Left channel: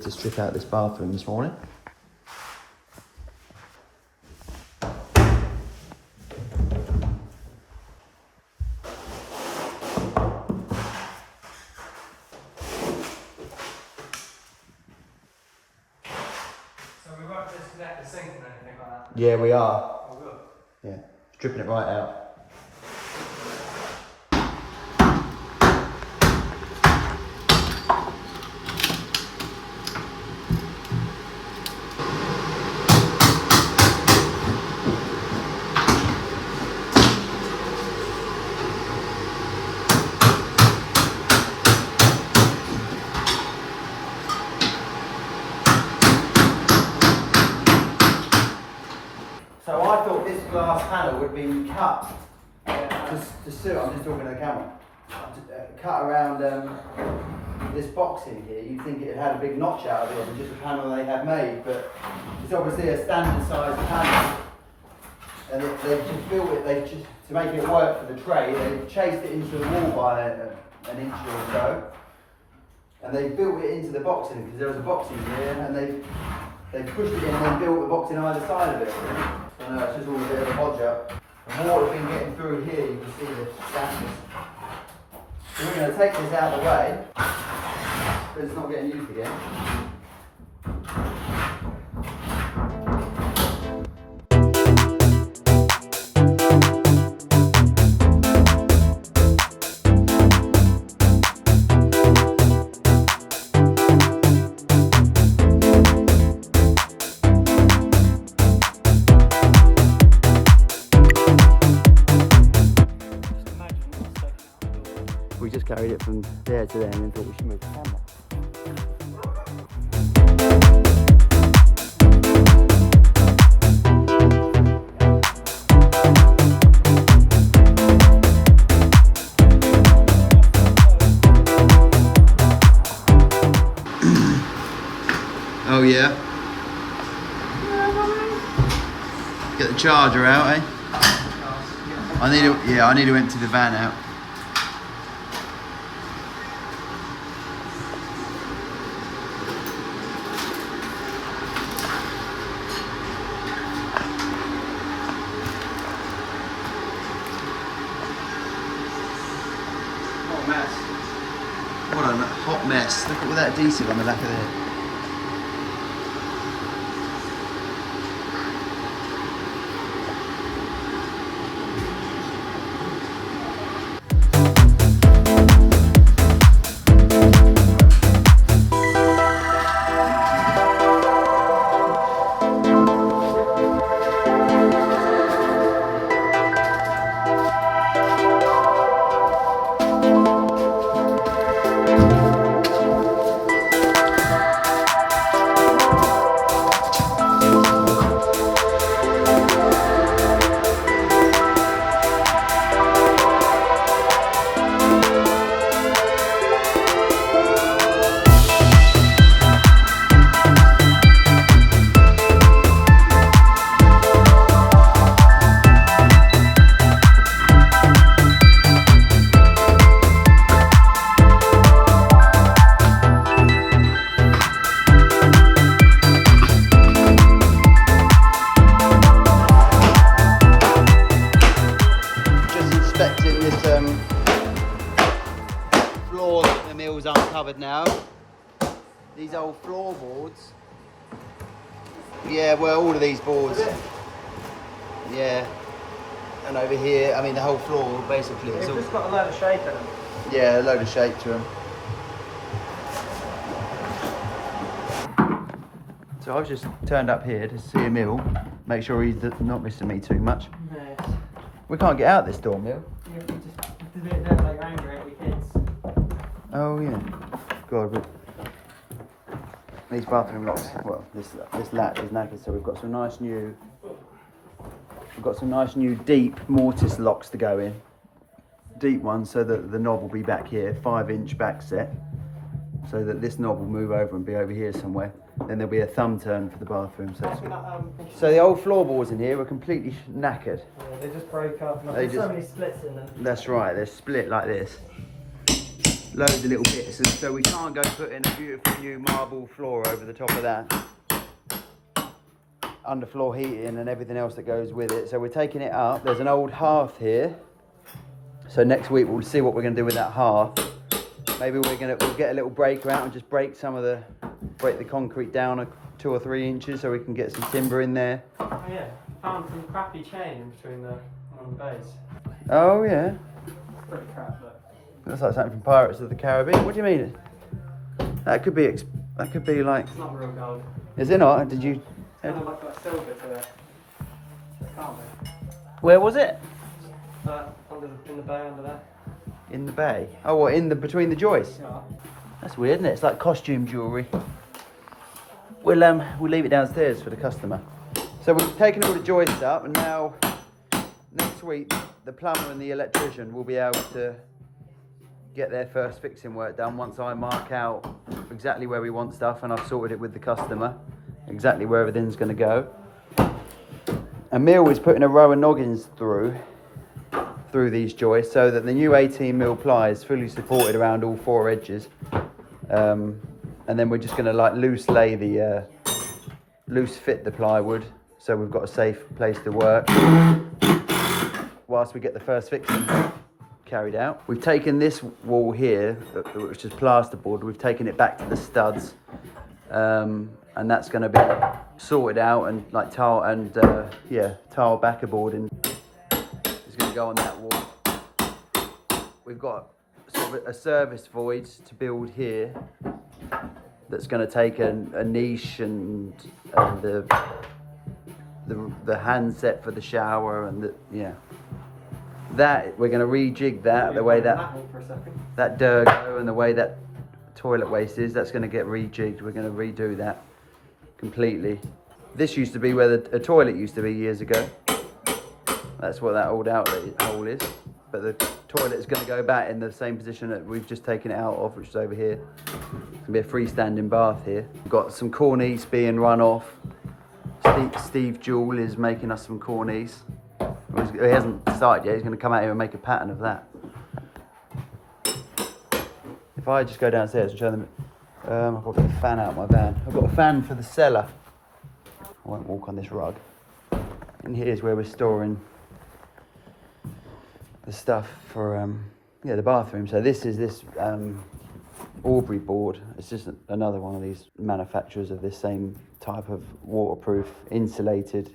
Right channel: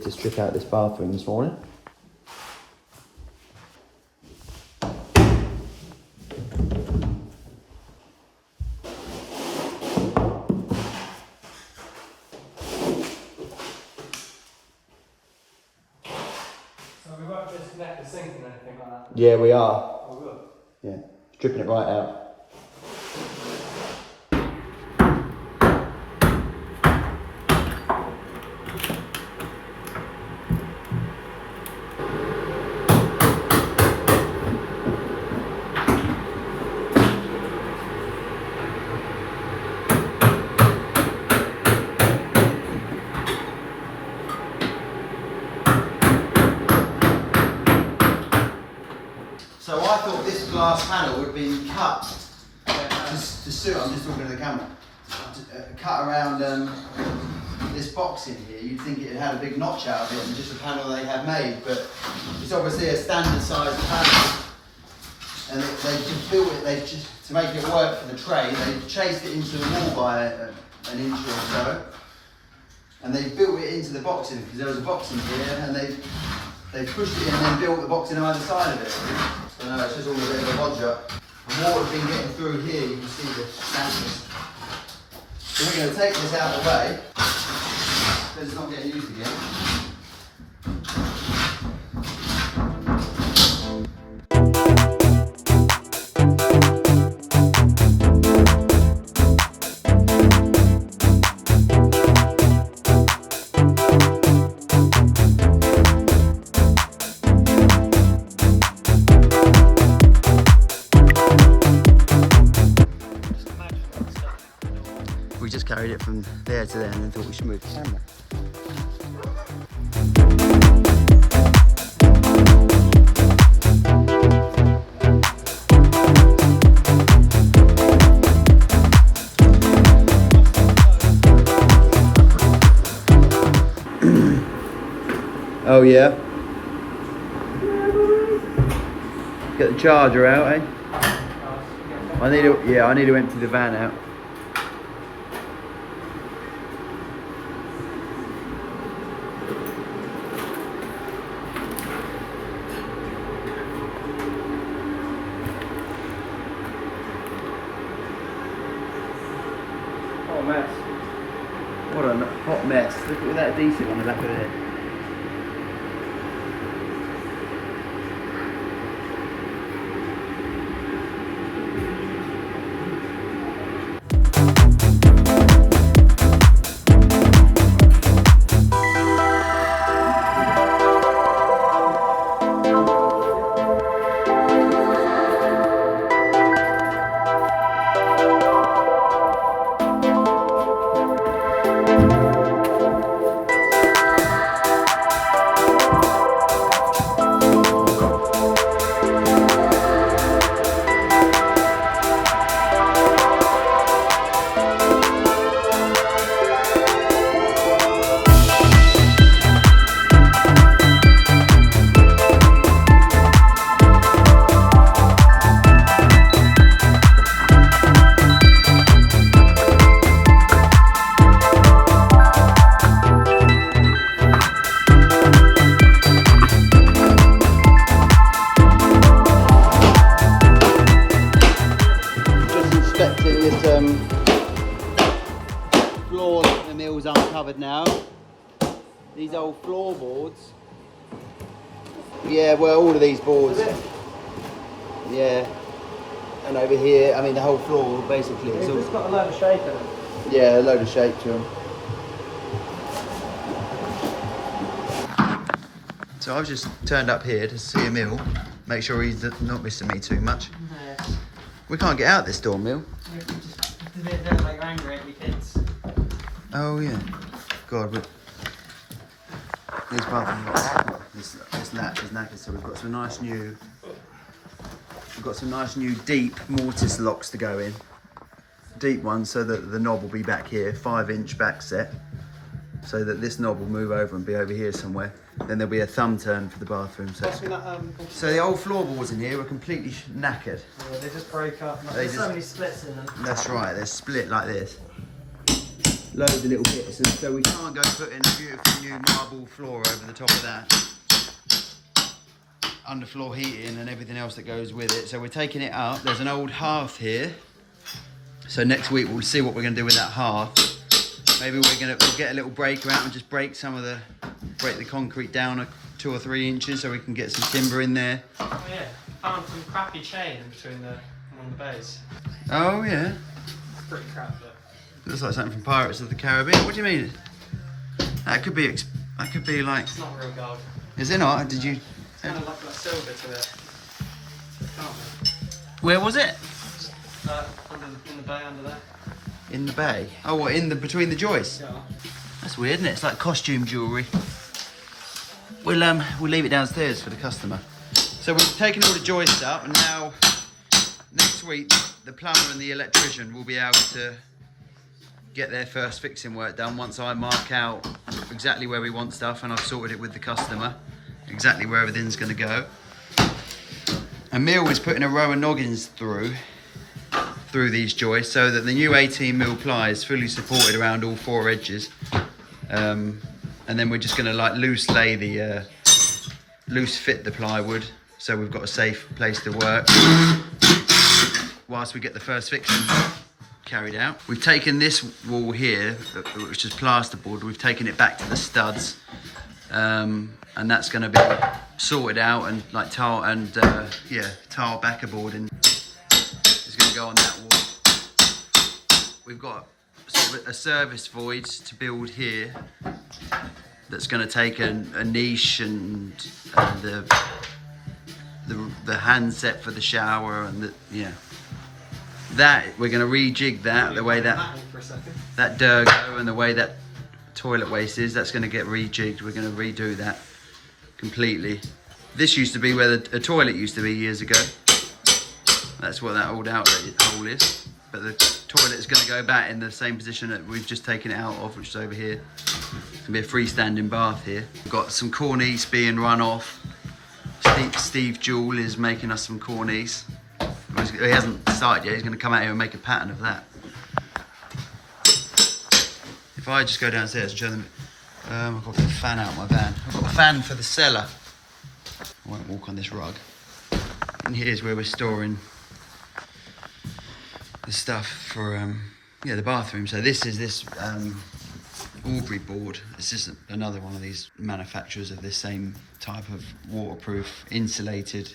to strip out this bathroom this morning. So we won't disconnect the sink and anything on that? Yeah, we are. Oh, good. Yeah, stripping it right out. So I thought this glass panel would be cut to suit, I'm just talking to the camera, cut around this box in here. You'd think it had a big notch out of it and just a panel they had made, but it's obviously a standard size panel. And they just built it, to make it work for the tray, they chased it into the wall by an inch or so. And they built it into the box in because there was a box in here, and they pushed it in and then built the box in either side of it. So no, it's just all a bit of a bodger. And water has been getting through here, you can see the stands. So we're going to take this out of the way, because it's not getting used again. We just carried it from there to there and then thought we should move the camera. Oh yeah. Get the charger out, eh? I need to empty the van out. What a hot mess. Look at all that adhesive on the back of there. These old floorboards. Yeah, well, all of these boards. Yeah. And over here, I mean, the whole floor basically. They've just got a load of shape in them. Yeah, a load of shape to them. So I've just turned up here to see Emil, make sure he's not missing me too much. No. We can't get out this door, Emil. They're like angry at your kids. Oh yeah. God, these bathroom locks. Well, this latch is knackered, so we've got some nice new deep mortise locks to go in. Deep ones, so that the knob will be back here, 5-inch back set, so that this knob will move over and be over here somewhere. Then there'll be a thumb turn for the bathroom. So the old floorboards in here were completely knackered. Yeah, they just break up. There's so many splits in them. That's right, they're split like this. loads of little bits, and so we can't go put in a beautiful new marble floor over the top of that. Underfloor heating and everything else that goes with it. So we're taking it up. There's an old hearth here. So next week we'll see what we're going to do with that hearth. Maybe we'll get a little breaker out and just break the concrete down 2 or 3 inches so we can get some timber in there. Oh yeah, found some crappy chain in between one of the bays. Oh yeah. It's pretty crap, but Looks like something from Pirates of the Caribbean. What do you mean? That could be like. it's not real gold. Is it not? Did you? It's kind of like that silver to it. Can't be. Where was it? In the bay under there. In the bay. Oh, what? Between the joists? Yeah. That's weird, isn't it? It's like costume jewellery. We'll leave it downstairs for the customer. So we've taken all the joists up, and now next week the plumber and the electrician will be able to get their first fixing work done once I mark out exactly where we want stuff and I've sorted it with the customer, exactly where everything's going to go. Emil is putting a row of noggins through these joists so that the new 18mm ply is fully supported around all 4 edges. And then we're just going to like loose fit the plywood so we've got a safe place to work whilst we get the first fixing carried out. We've taken this wall here, which is plasterboard, we've taken it back to the studs, and that's going to be sorted out and like tile backerboard and is going to go on that wall. We've got sort of a service void to build here that's going to take a niche and the handset for the shower and that we're going to rejig that the way that Durgo and the way that toilet waste is. That's going to get rejigged. We're going to redo that completely. This used to be where a toilet used to be years ago. That's what that old outlet hole is. But the toilet is going to go back in the same position that we've just taken it out of, which is over here. It's going to be a freestanding bath here. We've got some cornice being run off. Steve Jewell is making us some cornice. He hasn't started yet. He's going to come out here and make a pattern of that. If I just go downstairs and show them, I've got to get a fan out of my van. I've got a fan for the cellar. I won't walk on this rug. And here's where we're storing the stuff for the bathroom. So this is Aubrey board. It's just another one of these manufacturers of this same type of waterproof insulated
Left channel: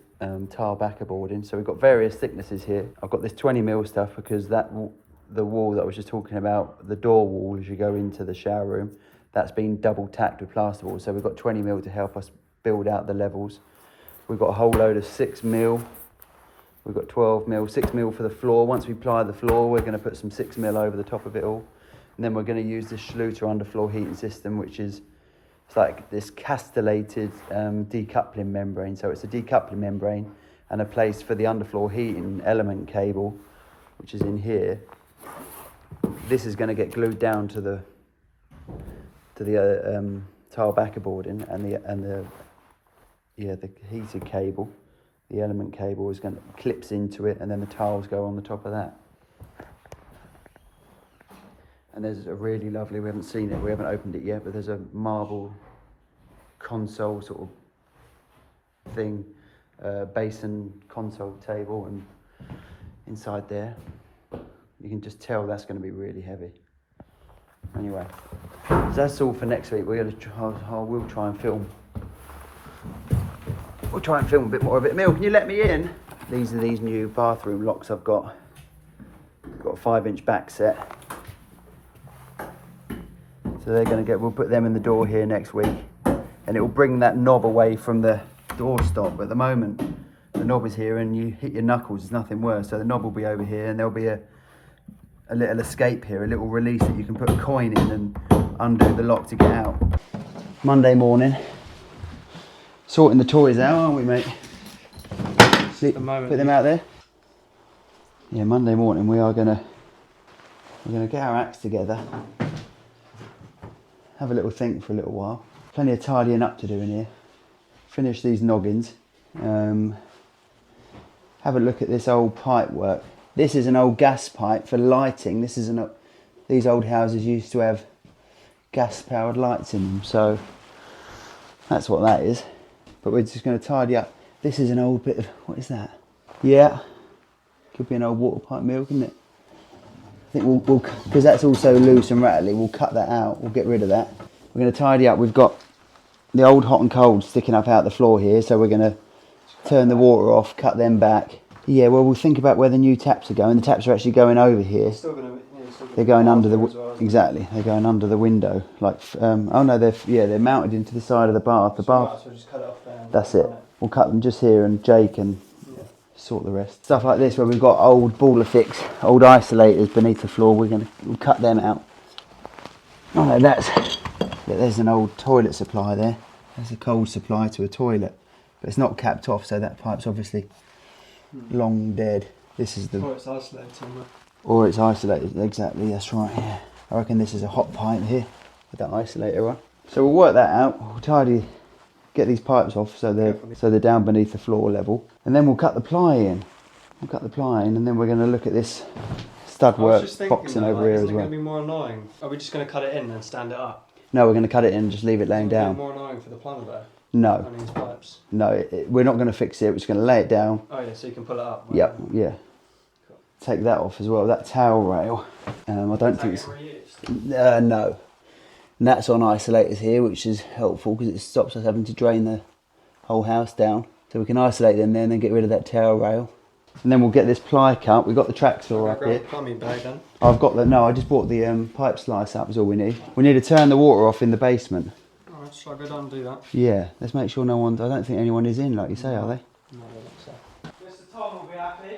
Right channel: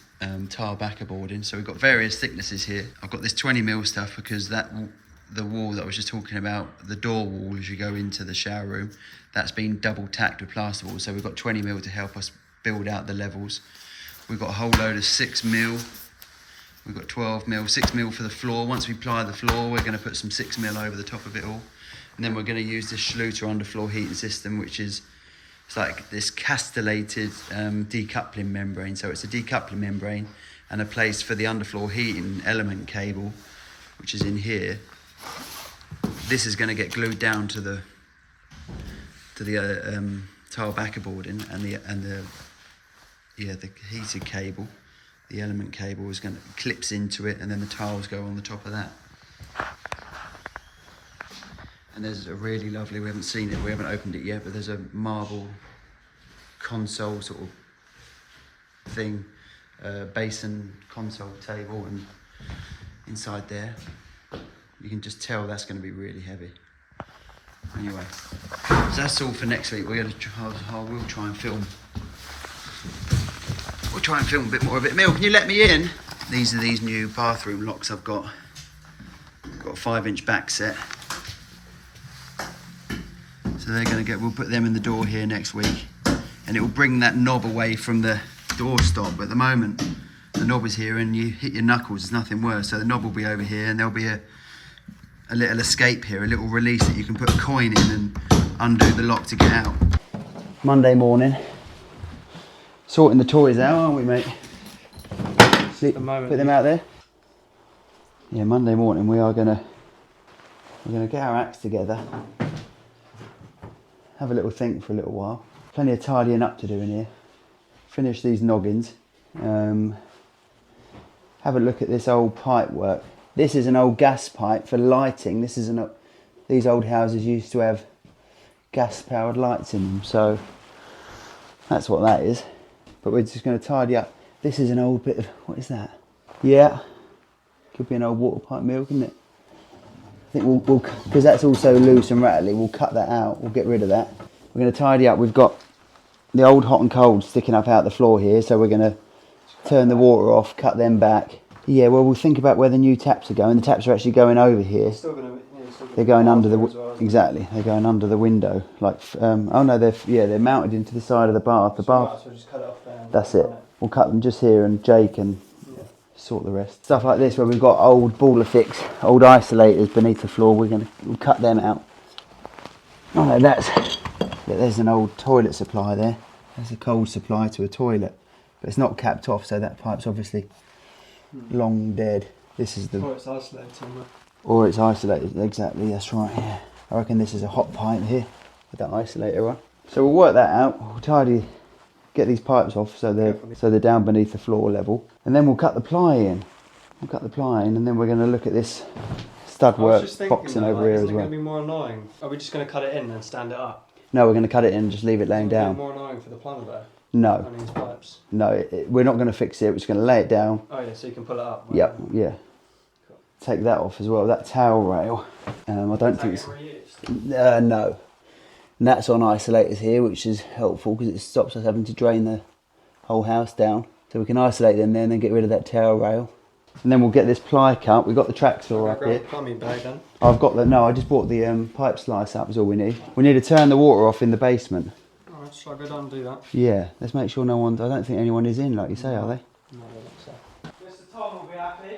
tile backer boarding. So we've got various thicknesses here. I've got this 20mm stuff because the wall that I was just talking about, the door wall as you go into the shower room, that's been double tacked with plasterboard. So we've got 20mm to help us build out the levels. We've got a whole load of 6mm. We've got 12mm, 6mm for the floor. Once we ply the floor, we're going to put some 6mm over the top of it all. And then we're going to use this Schluter underfloor heating system, which is it's like this castellated decoupling membrane. So it's a decoupling membrane and a place for the underfloor heating element cable, which is in here. This is going to get glued down to the tile backer boarding and the heated cable. The element cable is going to clips into it, and then the tiles go on the top of that. And there's a really lovely, we haven't seen it, we haven't opened it yet, but there's a marble console sort of thing, basin console table, and inside there, you can just tell that's going to be really heavy. Anyway, so that's all for next week. We'll try and film. We'll try and film a bit more of it. Emil, can you let me in? These are these new bathroom locks I've got. Got a 5-inch back set. So they're going to we'll put them in the door here next week. And it will bring that knob away from the door stop. But at the moment, the knob is here and you hit your knuckles, there's nothing worse. So the knob will be over here and there'll be a little escape here, a little release that you can put a coin in and undo the lock to get out. Monday morning. Sorting the toys out, aren't we, mate? See, put them out there. Yeah, Monday morning we're gonna get our acts together, have a little think for a little while. Plenty of tidying up to do in here. Finish these noggins. Have a look at this old pipe work. This is an old gas pipe for lighting. This is these old houses used to have gas-powered lights in them, so that's what that is. But we're just going to tidy up. This is an old bit of, what is that? Yeah, could be an old water pipe mill, couldn't it? I think we'll because that's also loose and rattly, we'll cut that out, we'll get rid of that. We're going to tidy up. We've got the old hot and cold sticking up out the floor here, so we're going to turn the water off, cut them back. Yeah, well, we'll think about where the new taps are going. The taps are actually going over here. They're going under the exactly. They're going under the window. Like, oh no, they're mounted into the side of the bath. The bath. So just cut it off there. That's it. We'll cut them just here, and Jay can sort the rest. Stuff like this, where we've got old baller fix, old isolators beneath the floor. We'll cut them out. Oh no, there's an old toilet supply there. There's a cold supply to a toilet, but it's not capped off, so that pipe's obviously long dead. This is the. Or it's isolated somewhere. Or it's isolated, exactly, that's right, yeah. I reckon this is a hot pipe here, with that isolator on. So we'll work that out, we'll get these pipes off so they're down beneath the floor level. And then we'll cut the ply in. And then we're going to look at this stud work boxing over here as well. Isn't it going to be more annoying? Are we just going to cut it in and stand it up? No, we're going to cut it in and just leave it laying down. Is it more annoying for the plumber though? No. Running his pipes? No, we're not going to fix it, we're just going to lay it down. Oh yeah, so you can pull it up. Yep, yeah. Take that off as well, that towel rail. I don't think it's... no. And that's on isolators here, which is helpful because it stops us having to drain the whole house down. So we can isolate them there and then get rid of that towel rail. And then we'll get this ply cut. We've got the track saw up here. Plumbing bag then? I've got the... No, I just bought the pipe slice up is all we need. We need to turn the water off in the basement. Alright, shall I go down and do that? Yeah, let's make sure no one... I don't think anyone is in, like you say, are they? No, I don't think so. Mr. Tom will be happy.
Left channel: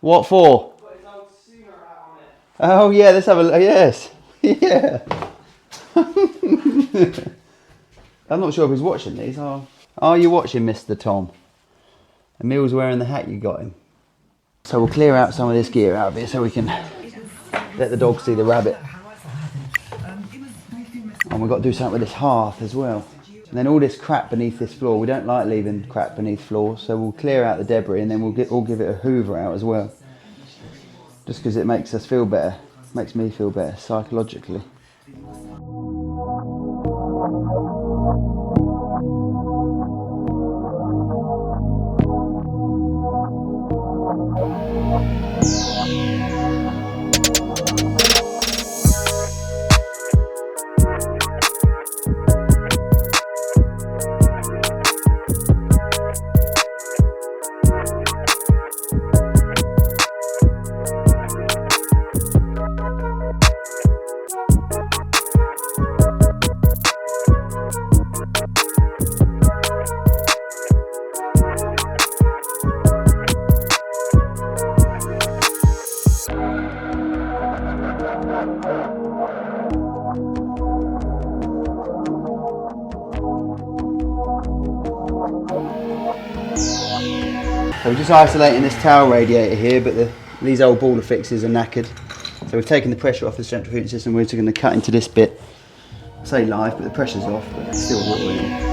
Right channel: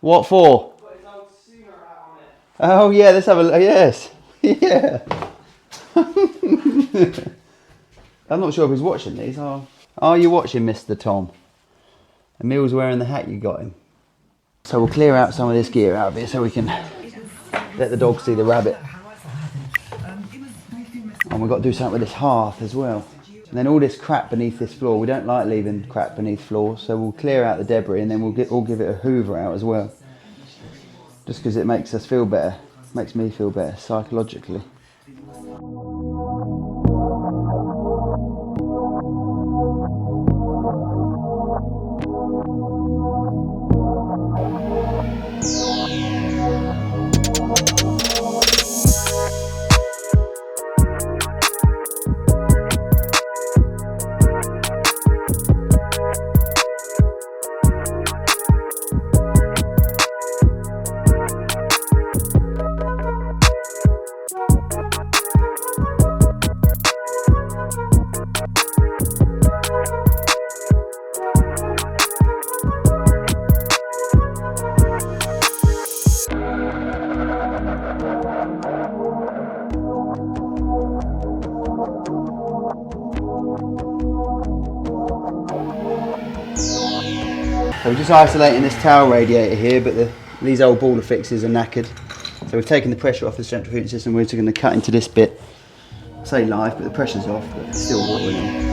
What for? Put his old Sooner hat on it. Oh yeah, let's have a look. Yes. Yeah. I'm not sure if he's watching these. Are you watching, Mr. Tom? Emil's wearing the hat you got him. So we'll clear out some of this gear out of here so we can let the dog see the rabbit. And we've got to do something with this hearth as well. And then all this crap beneath this floor, we don't like leaving crap beneath floors, so we'll clear out the debris and then we'll give it a hoover out as well. Just because it makes us feel better, makes me feel better psychologically. So we're just isolating this towel radiator here, but these old baller fixes are knackered. So we've taken the pressure off the centrifugal system. We're just going to cut into this bit. I say live, but the pressure's off, but it's still water in it.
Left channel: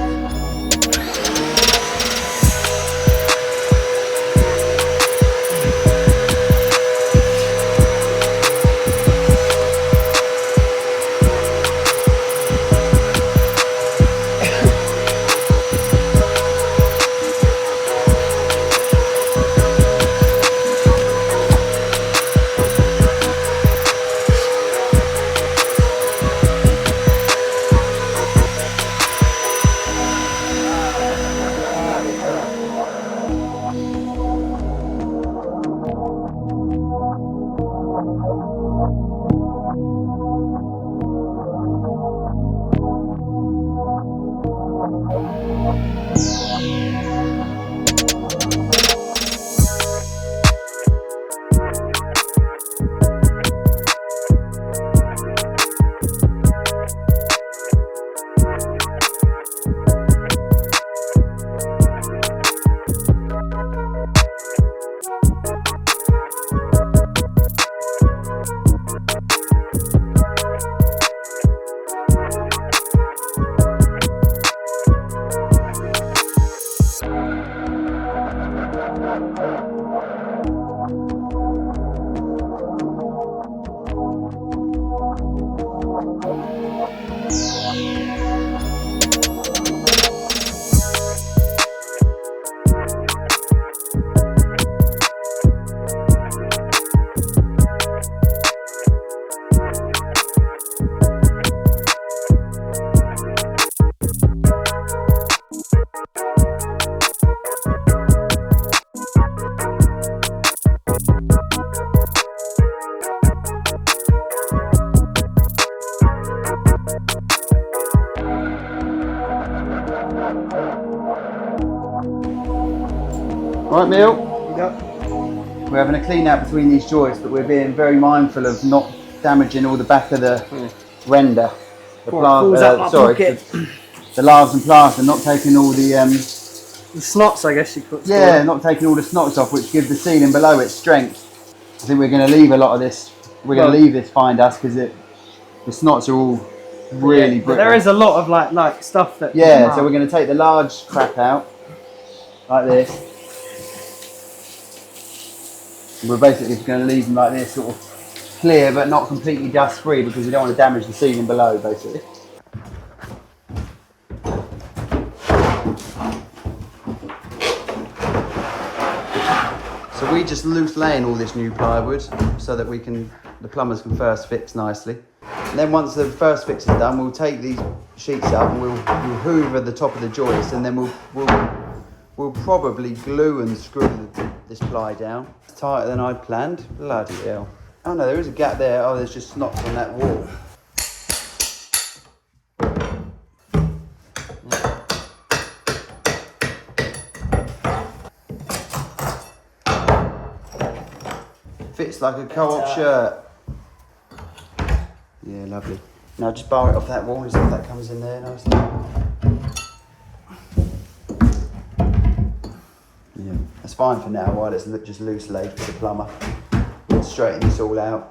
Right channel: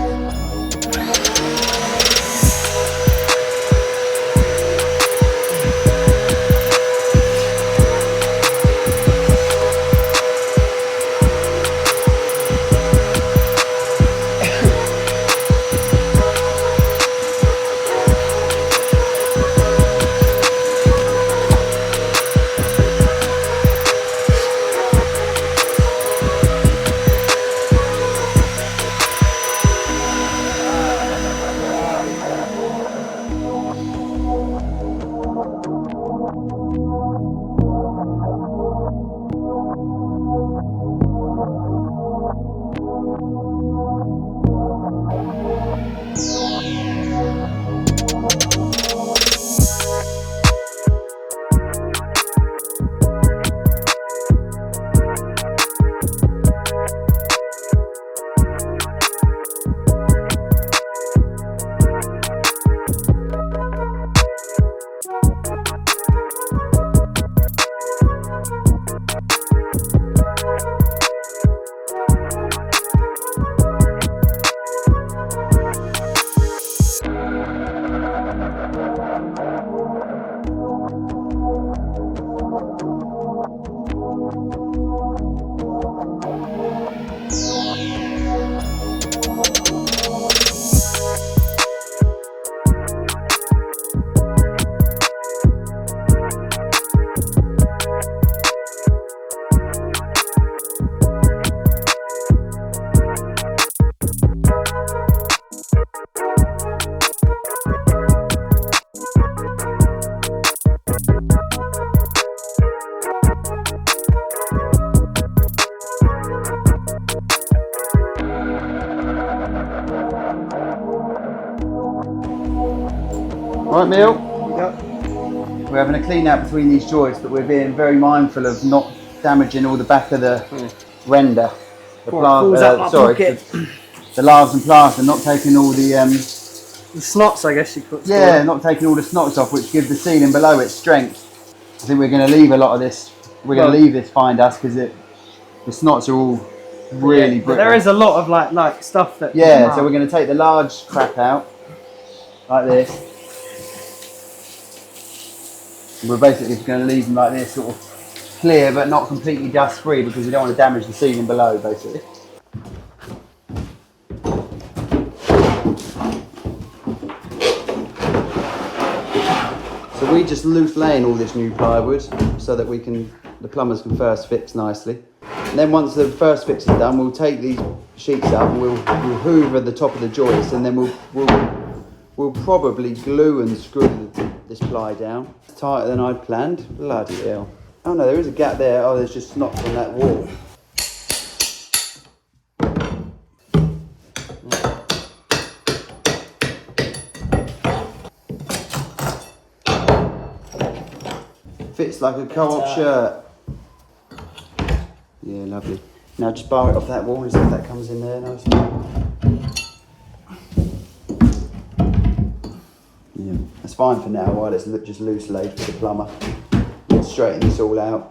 Right, Neil? Yep. We're having a clean out between these joists, but we're being very mindful of not damaging all the back of the render. The Falls out my pocket. The lavs and plaster, not taking all the snots, I guess you could. yeah, not taking all the snots off, which give the ceiling below it strength. I think we're going to leave a lot of this. We're going to leave this fine dust because the snots are all really brittle. But there is a lot of like stuff that. Yeah, so we're going to take the large crap out like this. And we're basically just going to leave them like this, sort of clear but not completely dust free, because we don't want to damage the ceiling below, basically. So we just loose laying all this new plywood so that the plumbers can first fix nicely. And then once the first fix is done, we'll take these sheets up, we'll hoover the top of the joist, and then we'll probably glue and screw this ply down. It's tighter than I'd planned. Bloody hell. Oh no, there is a gap there. Oh, there's just snots in that wall. Fits like a co-op shirt. Yeah, lovely. Now just bar it off that wall and see if that comes in there nicely. Yeah, that's fine for now while it's just loose laid for the plumber. We'll straighten this all out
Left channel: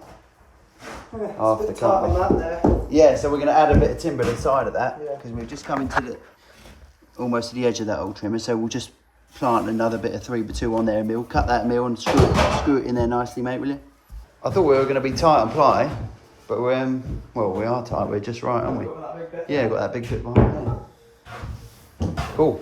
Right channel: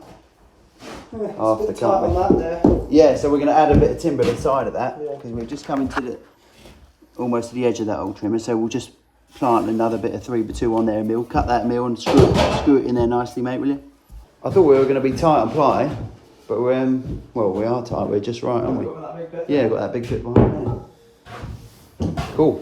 after company. Yeah, so we're going to add a bit of timber to the side of that, because we've just come to almost to the edge of that old trimmer, so we'll just plant another bit of 3x2 on there, and we'll cut that mill and screw it in there nicely, mate, will you? I thought we were going to be tight on ply, but well, we are tight, we're just right, aren't we? Yeah, got that big bit behind there. Cool.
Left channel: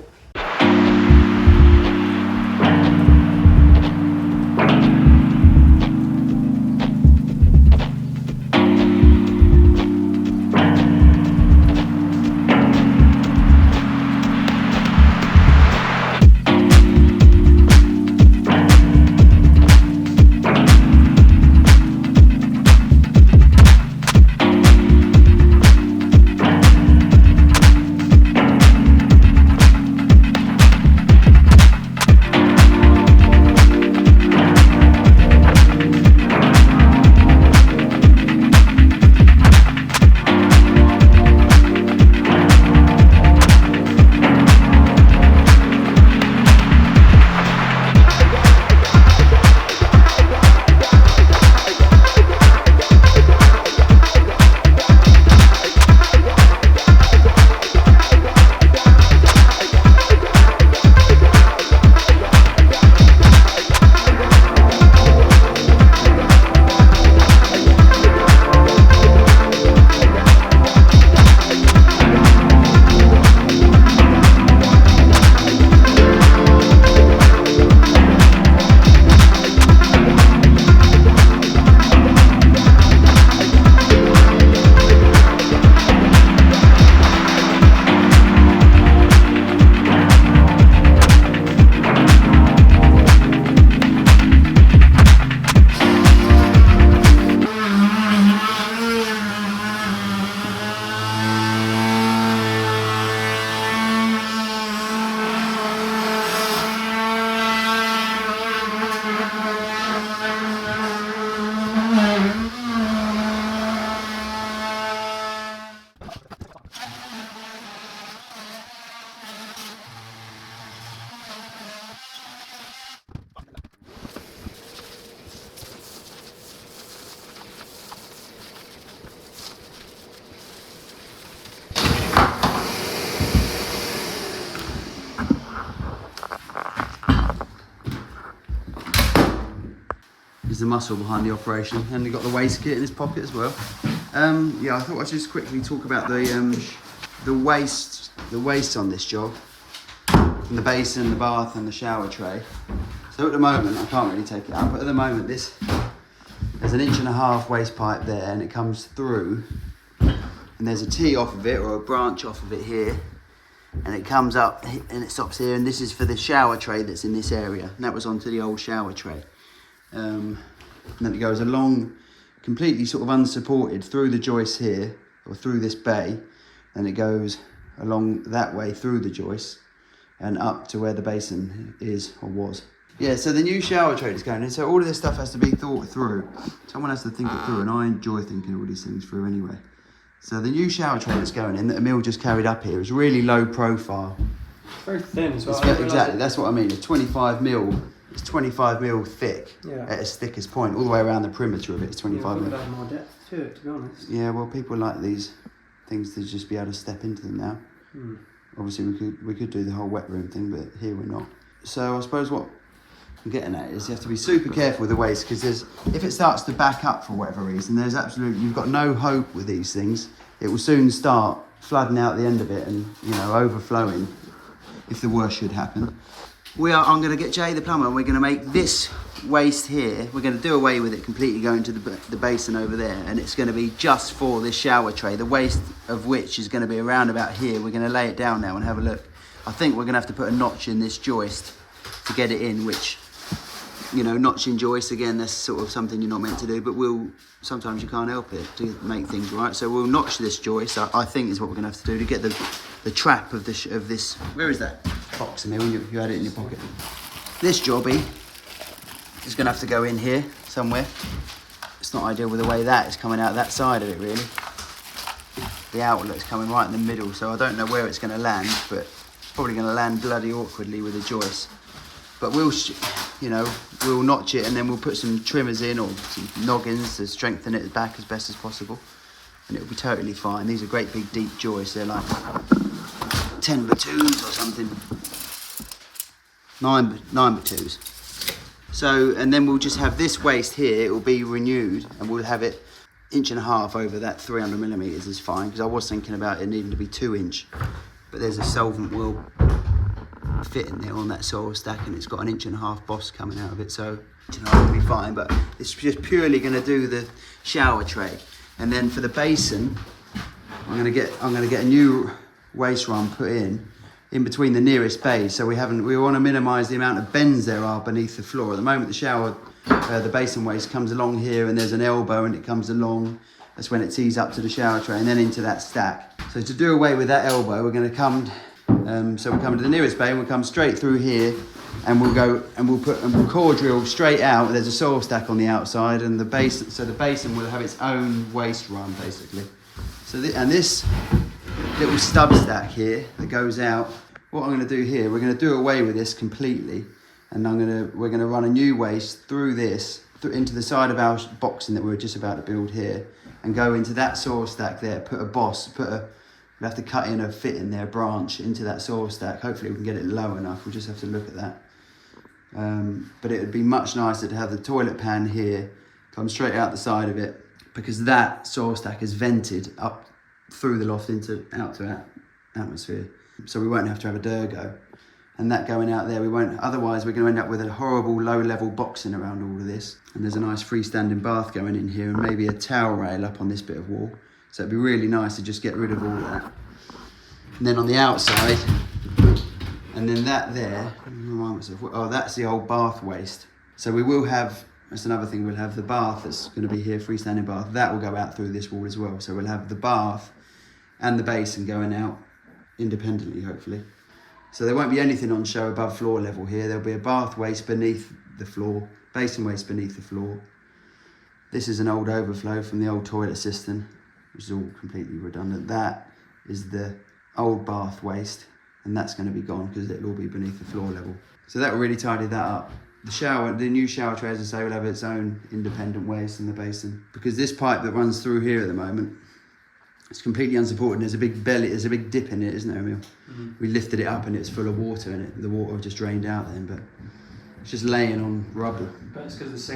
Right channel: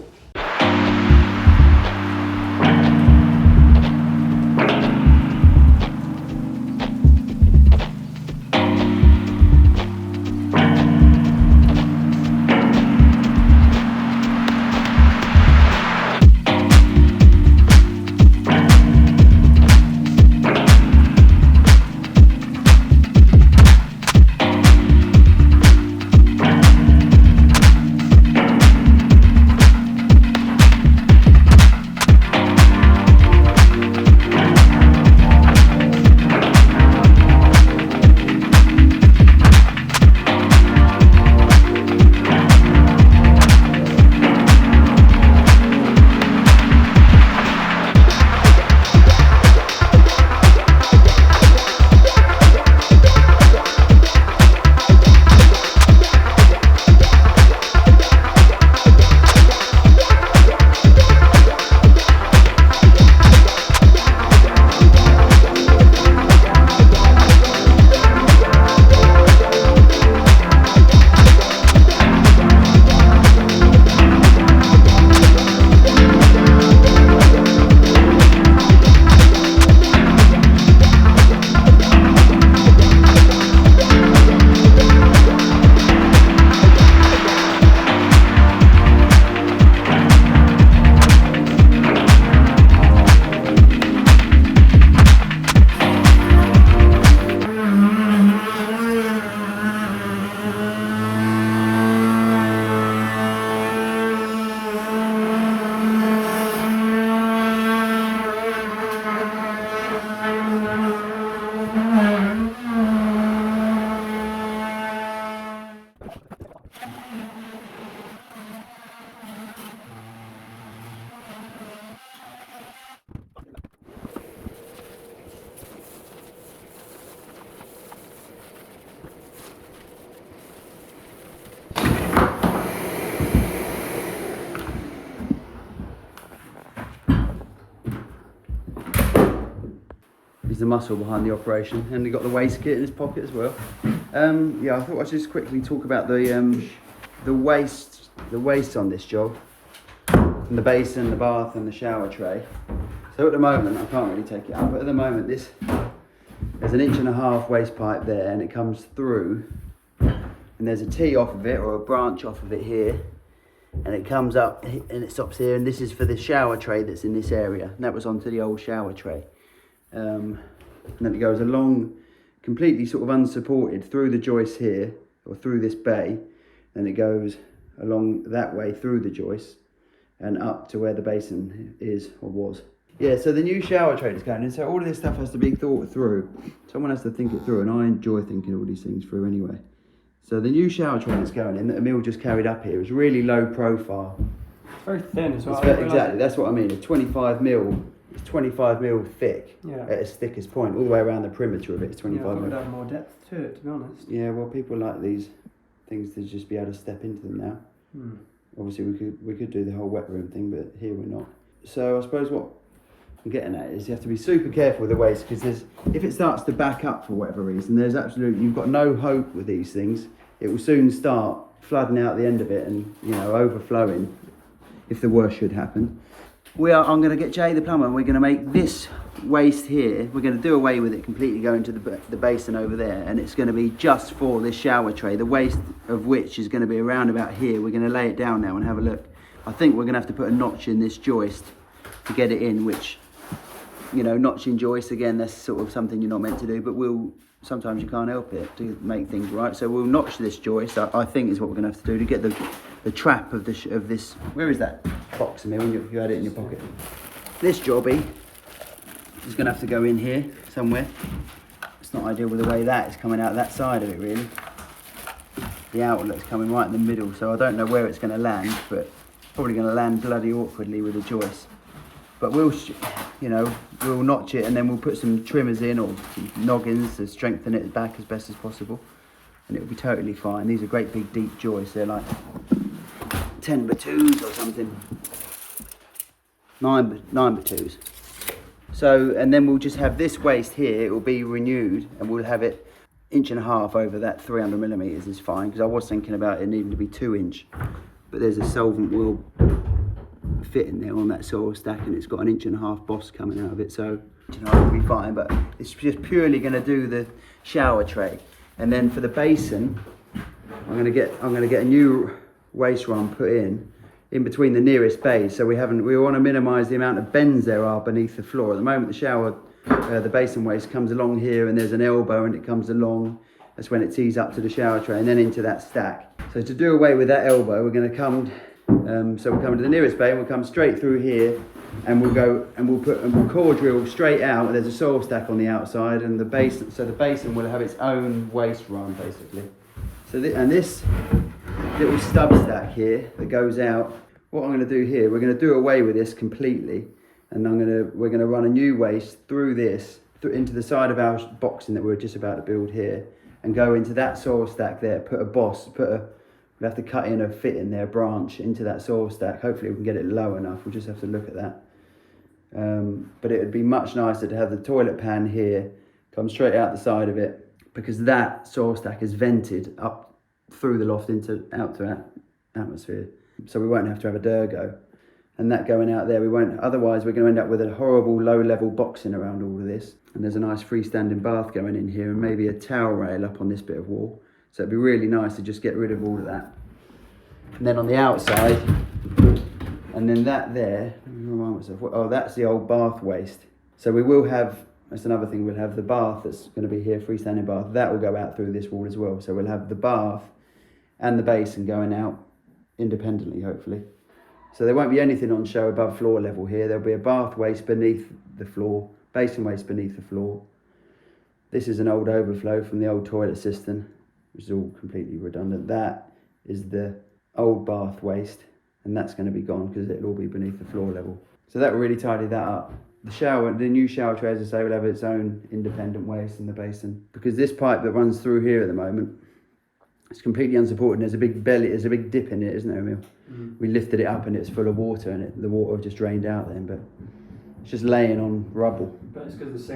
The muscle behind the operation, and he got the waste kit in his pocket as well. Yeah, I thought I'd just quickly talk about the waste on this job, from the basin, the bath, and the shower tray. So at the moment, I can't really take it out, but at the moment, there's an 1.5 inch waste pipe there, and it comes through, and there's a tee off of it, or a branch off of it here, and it comes up and it stops here, and this is for the shower tray that's in this area, and that was onto the old shower tray. And then it goes along, completely sort of unsupported, through the joist here, or through this bay, and it goes along that way through the joist and up to where the basin is or was. Yeah, so the new shower tray is going in, so all of this stuff has to be thought through. Someone has to think it through, and I enjoy thinking all these things through anyway. So the new shower tray that's going in, that Emil just carried up here, is really low profile. It's very thin as well. Exactly, that's what I mean. It's 25 mil. It's 25 mil thick at its thickest point, all the way around the perimeter of it. It's 25 mil. Have more depth to it, to be honest. Yeah, well, people like these things to just be able to step into them now. Obviously, we could do the whole wet room thing, but here we're not. So I suppose what I'm getting at is you have to be super careful with the waste, because if it starts to back up for whatever reason, you've got no hope with these things. It will soon start flooding out the end of it and, you know, overflowing if the worst should happen. I'm going to get Jay the plumber, and we're going to make this waste here, we're going to do away with it completely, going to the basin over there, and it's going to be just for this shower tray, the waste of which is going to be around about here. We're going to lay it down now and have a look. I think we're going to have to put a notch in this joist to get it in, which, you know, notching joist, again, that's sort of something you're not meant to do, but sometimes you can't help it to make things right. So we'll notch this joist, I think is what we're going to have to do to get the trap of this. Where is that box in there when you had it in your pocket? This jobby is going to have to go in here somewhere. It's not ideal with the way that is coming out that side of it, really. The outlet's coming right in the middle, so I don't know where it's going to land, but it's probably going to land bloody awkwardly with the joist. But we'll notch it, and then we'll put some trimmers in, or some noggins to strengthen it back as best as possible, and it'll be totally fine. These are great big deep joists. They're like 10x2s or something. 9x2s. So, and then we'll just have this waste here. It will be renewed, and we'll have it 1.5 inches over that 300mm is fine, because I was thinking about it needing to be 2 inch, but there's a solvent will fit in there on that soil stack, and it's got 1.5 inch boss coming out of it, so 1.5 inch will be fine. But it's just purely going to do the shower tray, and then for the basin, I'm going to get a new waste run put in between the nearest bays. So we want to minimise the amount of bends there are beneath the floor. At the moment, the basin waste comes along here, and there's an elbow, and it comes along. That's when it tees up to the shower tray and then into that stack. So to do away with that elbow, we're going to come. So we'll come to the nearest bay, and we'll come straight through here, and we'll core drill straight out. There's a soil stack on the outside, and the basin will have its own waste run basically. So this little stub stack here that goes out, what I'm going to do here, we're going to do away with this completely, and we're going to run a new waste through this into the side of our boxing that we're just about to build here, and go into that soil stack there. We'll have to cut in a fit in there, branch into that soil stack. Hopefully we can get it low enough. We'll just have to look at that. But it would be much nicer to have the toilet pan here come straight out the side of it, because that soil stack is vented up through the loft out to atmosphere. So we won't have to have a Durgo. And that going out there, otherwise we're going to end up with a horrible low-level boxing around all of this. And there's a nice freestanding bath going in here, and maybe a towel rail up on this bit of wall. So it'd be really nice to just get rid of all of that. And then on the outside, and then that there, let me remind myself, that's the old bath waste. So we will have, that's another thing, we'll have the bath that's going to be here, freestanding bath, that will go out through this wall as well. So we'll have the bath and the basin going out independently, hopefully. So there won't be anything on show above floor level here. There'll be a bath waste beneath the floor, basin waste beneath the floor. This is an old overflow from the old toilet cistern, which is all completely redundant. That is the old bath waste, and that's going to be gone because it'll all be beneath the floor level. So that will really tidy that up. The new shower tray, as I say, will have its own independent waste in the basin, because this pipe that runs through here at the moment, it's completely unsupported. There's a big dip in it, isn't there, Emil? We lifted it up and it's full of water, and the water just drained out then, but it's just laying on rubble. But it's because the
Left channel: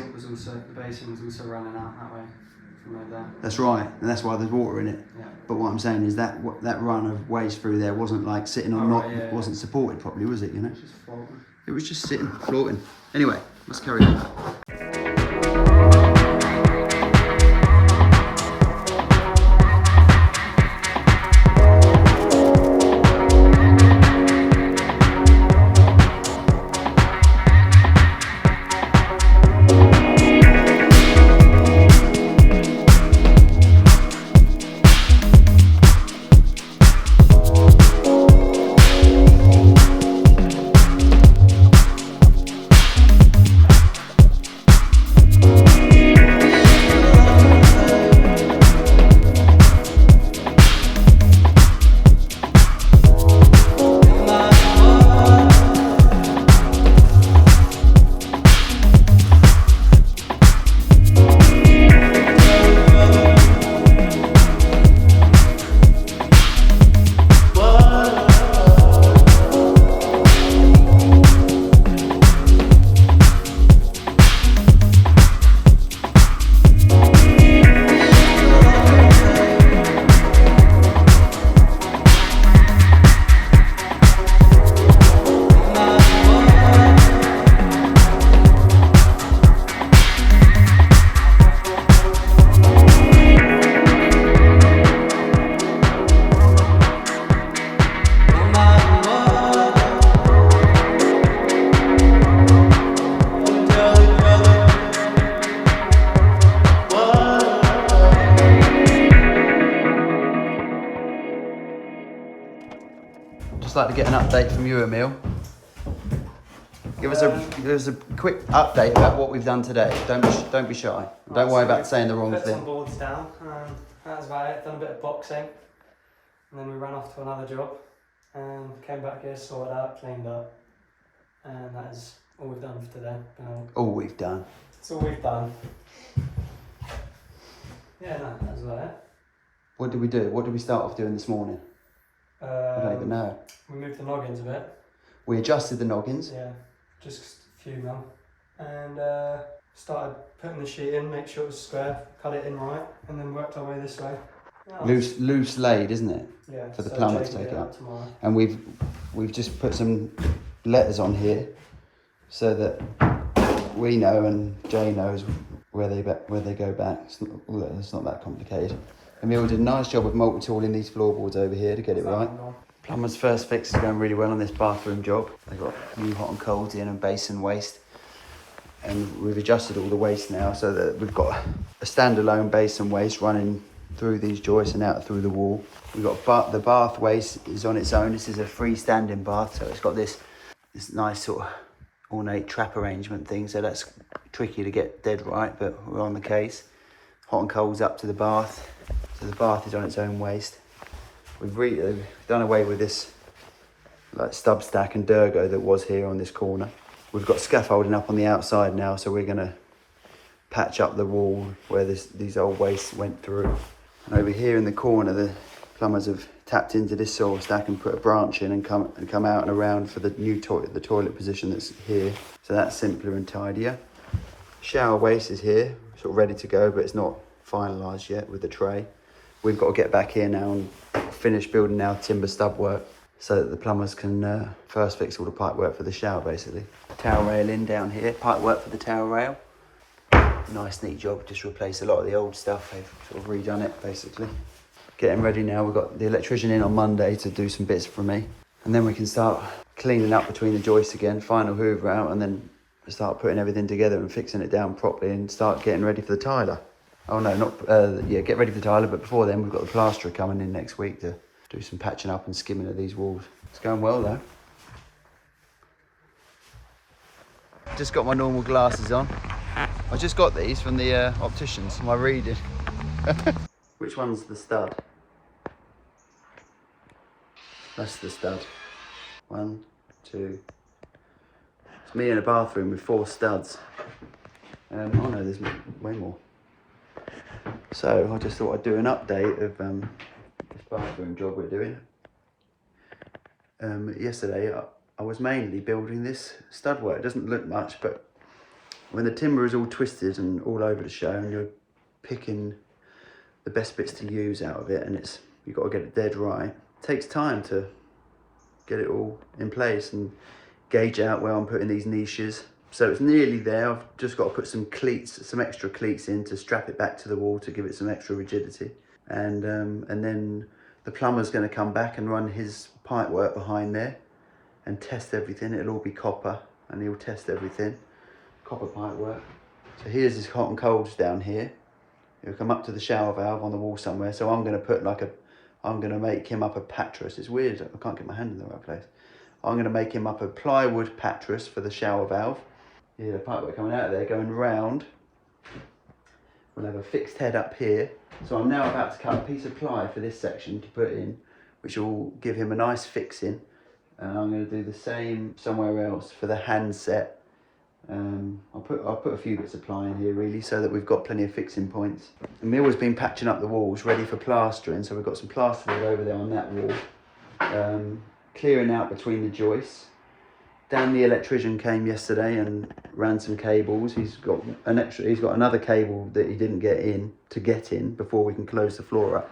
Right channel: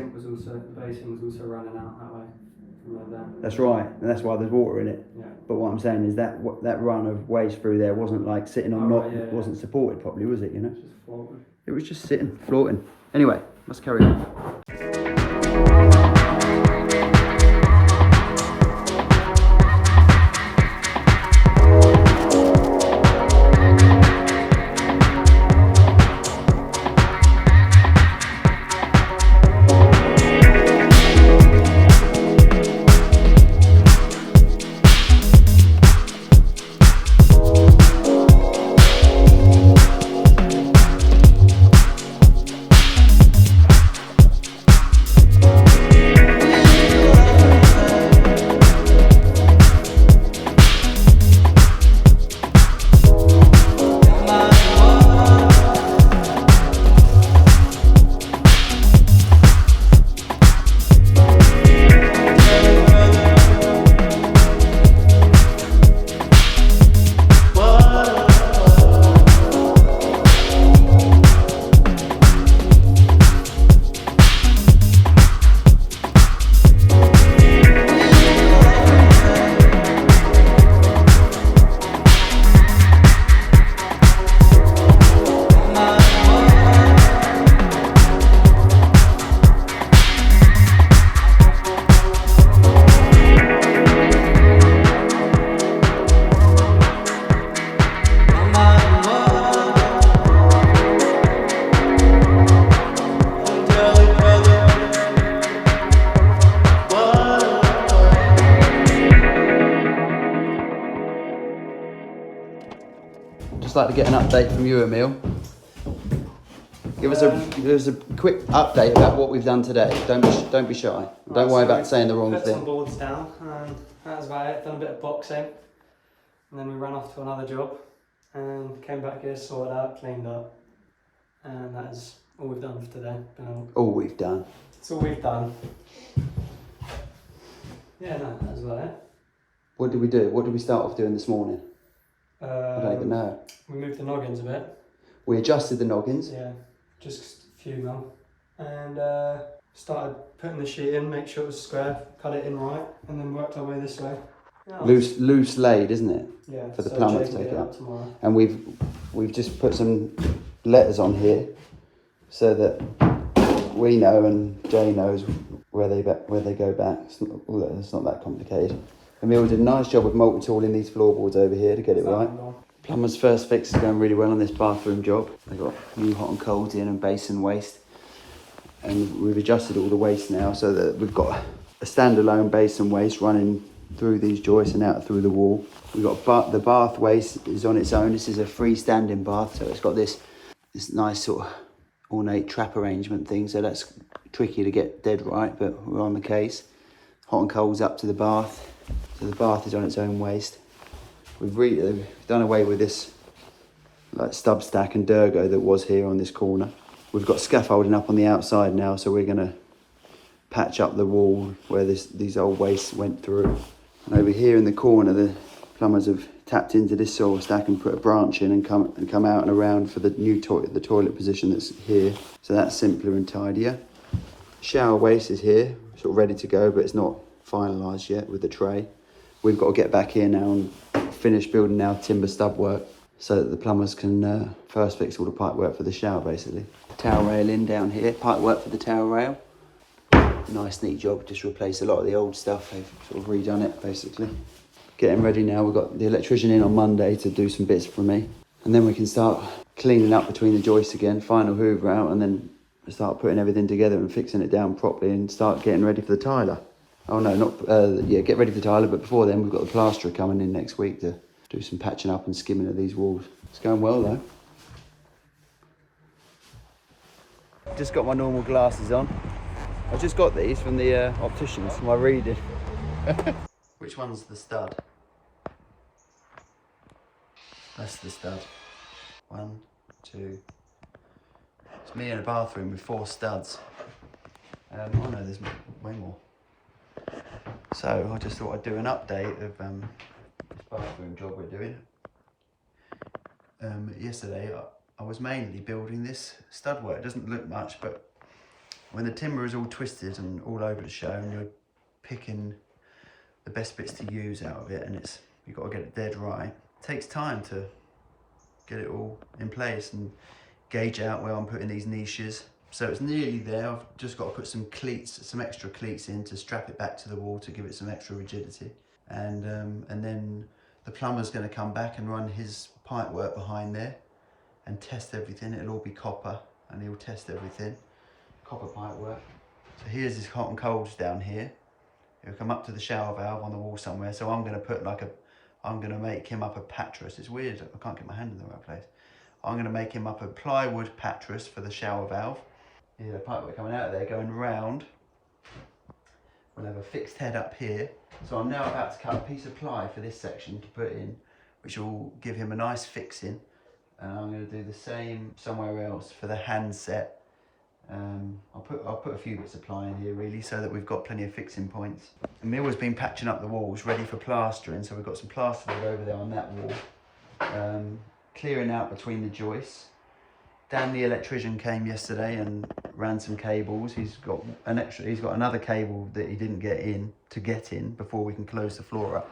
basin was also running out that way. That's right, and that's why there's water in it. Yeah. But what I'm saying is that run of waste through there wasn't like sitting on wasn't supported properly, was it? You know, It's just floating. It was just sitting, floating. Anyway, let's carry on. to get an update from you, Emil. Give us a quick update about what we've done today. Don't be shy. Don't worry about saying the wrong put some thing. boards down, and that was about it. Done a bit of boxing, and then we ran off to another job, and came back here, sorted out, cleaned up, and that is all we've done for today. All we've done. That's all we've done. Yeah, no, that was about it. What did we do? What did we start off doing this morning? I don't even know. We moved the noggins a bit. We adjusted the noggins. Yeah, just a few mil. And started putting the sheet in, make sure it was square, cut it in right, and then worked our way this way. Yeah, Loose laid, isn't it? Yeah. For the so plumber to Jake will take get out. that tomorrow. And we've just put some letters on here so that we know and Jay knows where they go back. It's not that complicated. Emil did a nice job of multi-tooling these floorboards over here to get it right. Plumber's first fix is going really well on this bathroom job. They've got new hot and cold in and basin waste. And we've adjusted all the waste now so that we've got a standalone basin waste running through these joists and out through the wall. We've got the bath waste is on its own. This is a freestanding bath, so it's got this nice sort of ornate trap arrangement thing, so that's tricky to get dead right, but we're on the case. Hot and cold's up to the bath, so the bath is on its own waste. We've really done away with this like stub stack and Durgo that was here on this corner. We've got scaffolding up on the outside now, so we're going to patch up the wall where these old wastes went through. And over here in the corner, the plumbers have tapped into this soil stack and put a branch in and come out and around for the new toilet, the toilet position that's here. So that's simpler and tidier. Shower waste is here, sort of ready to go, but it's not finalised yet with the tray. We've got to get back in and finish building our timber stub work so that the plumbers can first fix all the pipe work for the shower, basically. Towel rail in down here, pipe work for the towel rail. Nice neat job, just replaced a lot of the old stuff. They've sort of redone it, basically. Getting ready now, we've got the electrician in on Monday to do some bits for me. And then we can start cleaning up between the joists again, final hoover out, and then start putting everything together and fixing it down properly and start getting ready for the tiler. Oh no, get ready for the tiler, but before then we've got the plasterer coming in next week to do some patching up and skimming of these walls. It's going well though. Just got my normal glasses on. I just got these from the opticians, my reading. Which one's the stud? That's the stud. 1, 2. It's me in a bathroom with 4 studs. And oh no, there's way more. So I just thought I'd do an update of the bathroom job we're doing. Yesterday I was mainly building this stud work. It doesn't look much, but when the timber is all twisted and all over the show and you're picking the best bits to use out of it, and you've got to get it dead right, it takes time to get it all in place and gauge out where I'm putting these niches. So it's nearly there. I've just got to put some cleats, some extra cleats in to strap it back to the wall to give it some extra rigidity. And then the plumber's going to come back and run his pipe work behind there and test everything. It'll all be copper and he'll test everything. Copper pipe work. So here's his hot and colds down here. He'll come up to the shower valve on the wall somewhere. So I'm going to put I'm going to make him up a pattress. It's weird, I can't get my hand in the right place. I'm going to make him up a plywood pattress for the shower valve. Yeah, the pipework coming out of there, going round. We'll have a fixed head up here. So I'm now about to cut a piece of ply for this section to put in, which will give him a nice fixing. And I'm going to do the same somewhere else for the handset. I'll put a few bits of ply in here really, so that we've got plenty of fixing points. Emil has been patching up the walls, ready for plastering. So we've got some plasterboard over there on that wall. Clearing out between the joists. Dan, the electrician, came yesterday and ran some cables. He's got another cable that he didn't get in before we can close the floor up.